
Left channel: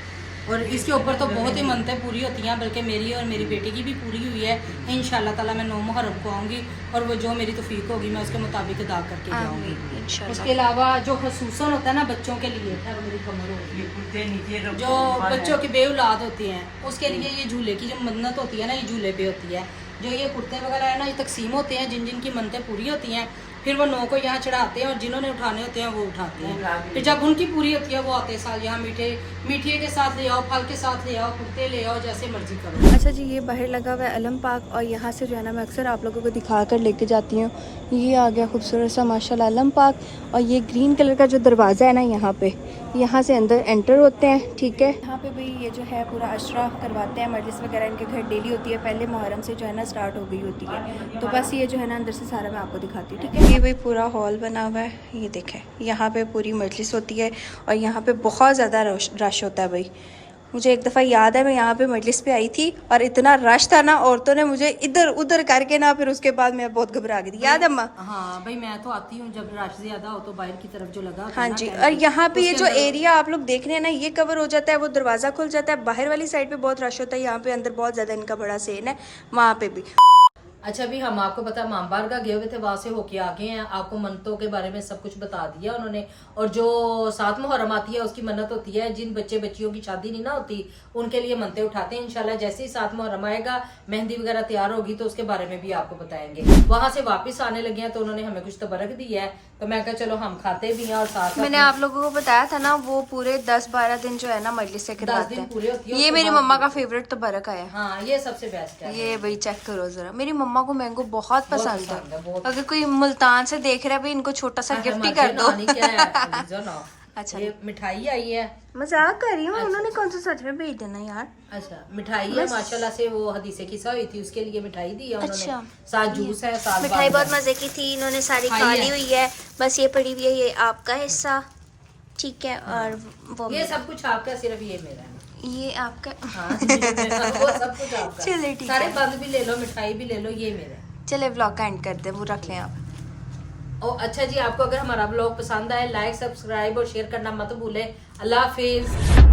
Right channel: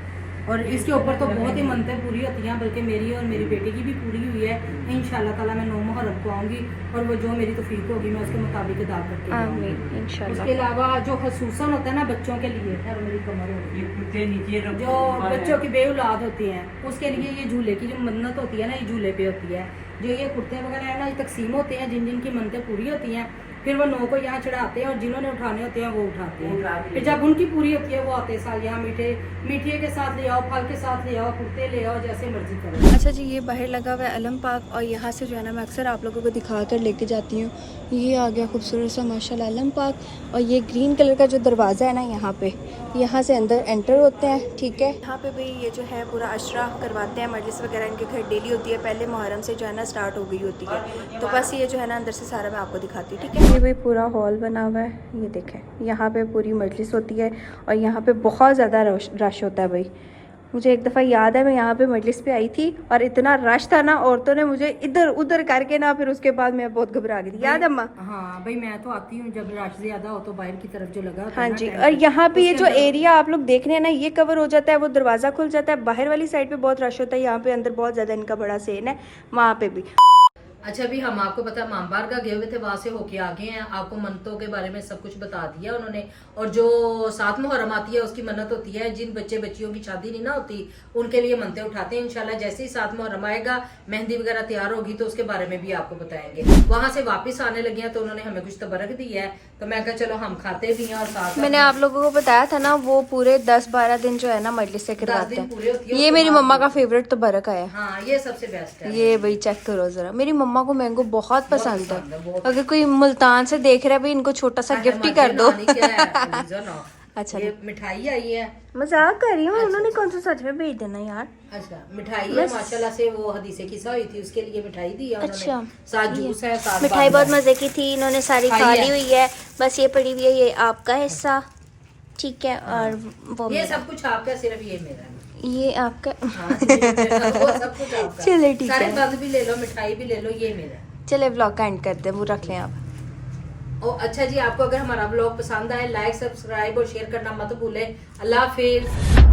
और इसके ऊपर तो बहुत ही मनतें पूरी होती हैं, बल्कि मेरी और मेरी बेटी की भी पूरी हुई है। इंशाल्लाह ताला मैं 9 मुहर्रम को आऊँगी और वो जो मेरी तौफीक होगी मैं उसके मुताबिक अदा करके जाऊँगी। आमीन इंशाल्लाह। उसके अलावा जो खसूसन होता है ना बच्चों के लिए, खैर मेरी कमर हो रही है, ये कुर्ते नीचे रखो, जो ऊपर है। बच्चों की बेऔलाद होती हैं उसके लिए ये झूले की जो मन्नत होती है ना, ये झूले पे होती है। जो ये कुर्ते वगैरह है ना, ये तकसीम होते हैं, जिन जिन की मन्नतें पूरी होती हैं, फिर वो 9 को यहाँ चढ़ाते हैं और जिन्होंने उठाने होते हैं वो उठाते हैं। फिर जब उनकी पूरी होती है वो आते साल यहाँ मीठे के साथ ले आओ, फल के साथ ले आओ, कुर्ते ले आओ, जैसे मर्जी करो। अच्छा जी, ये बाहर लगा हुआ है अलम पार्क, और यहाँ से जो है ना मैं अक्सर आप लोगों को दिखा कर लेके जाती हूँ। ये आ गया खूबसूरत सा माशाल्लाह अलम पार्क, और ये ग्रीन कलर का जो दरवाज़ा है ना यहाँ पे, यहाँ से अंदर एंटर होते हैं, ठीक है। यहाँ पे भाई ये जो है पूरा अशरा करवाते हैं, मजलिस वगैरह इनके घर डेली होती है, पहले मुहर्रम से जो है ना स्टार्ट हो गई होती है। तो बस ये जो है ना अंदर से सारा मैं आपको दिखाती हूँ, ठीक है। ये भाई पूरा हॉल बना हुआ है, ये देखें, यहाँ पे पूरी मजलिस होती है और यहाँ पे बहुत ज़्यादा रश होता है भाई। मुझे एक दफ़ा याद है मैं यहाँ पे मजलिस पे आई थी और इतना रश था ना, औरतों ने मुझे इधर उधर करके ना, फिर उसके बाद मैं बहुत घबरा गई थी। याद है अम्मा? हाँ भाई, मैं तो आती हूँ जब रश ज्यादा हो तो बाहर की तरफ जो लगा होता हाँ है ना जी। टेंट, और यहाँ पे ये जो एरिया आप लोग देख रहे हैं ना, ये कवर हो जाता है, वो दरवाज़ा खुल जाता है। बाहर वाली साइड पे बहुत रश होता है, यहाँ पे अंदर बहुत ज़्यादा इनका बड़ा सेन है, वहाँ पे भी। अच्छा, अभी हम आपको पता है मामबार का गए हुए थे, वहां से होके आ गए हैं। आपको मन्नतों के बारे में सब कुछ बता दिया उन्होंने। और जो 7 मुहर्रम आती है उसकी मन्नत होती है, जिन बच्चे बच्चियों की शादी नहीं ना होती उनके लिए मन्नतें उठाते हैं। इंशाल्लाह जैसे ही 7 मुहर्रम आएगा, मेहंदी वगैरह तैयार होगी तो उसके बारे में भी आपको बताएंगे। वहां से वापस आने लगे हैं तो उन्होंने हमें कुछ तबरक दी है, तो मैं कहा चलो हम खाते भी हैं और साथ मैंने आप लोगों को बताया था ना, वो पूरे 10-12 दिन जो है ना मजलिस से करवाते दिन पूरे होती हैं। है। ये मेरी मम्मा का फेवरेट तो बरक है। हाँ, ये सबसे बेस्ट है। ये भाई चेक करो जरा, मेरी मम्मा को मैंगो बहुत पसंद पसंद है, है। बहुत। अगर कोई मुल्तान से देख रहा है भाई, इनको छोटा सा गिफ्ट ही कर दो। अच्छा, ये मिठाई आई है। मजाक कर रही हूँ, उन्होंने कौन सा सच में भेज देना यार। अच्छा, मिठाई है माशाल्लाह से, वो हदीसे किस्सा हुई थी उसके लिए मिठाई दी है उन्होंने। अच्छा, साथ जूस है, साथ मिठाई बहुत बादाम है। मजे की थी, इन्होंने सारी खा ली हुई है, बस ये पड़ी हुई है, ये आपका हिस्सा, ठीक है। और वो ये सब कुछ आपका, सिर्फ ये मेरा है। ये आपका। हाँ, वो सब कुछ आपका। चले ठीक सारे है, बंद भी ले लो, मिठाई भी ले लो, ये मेरा। चले व्लॉग का एंड करते हैं, वो रख लें आप। और अच्छा जी, आपको अगर हमारा व्लॉग पसंद आए, लाइक सब्सक्राइब और शेयर करना मत भूले। अल्लाह हाफिज।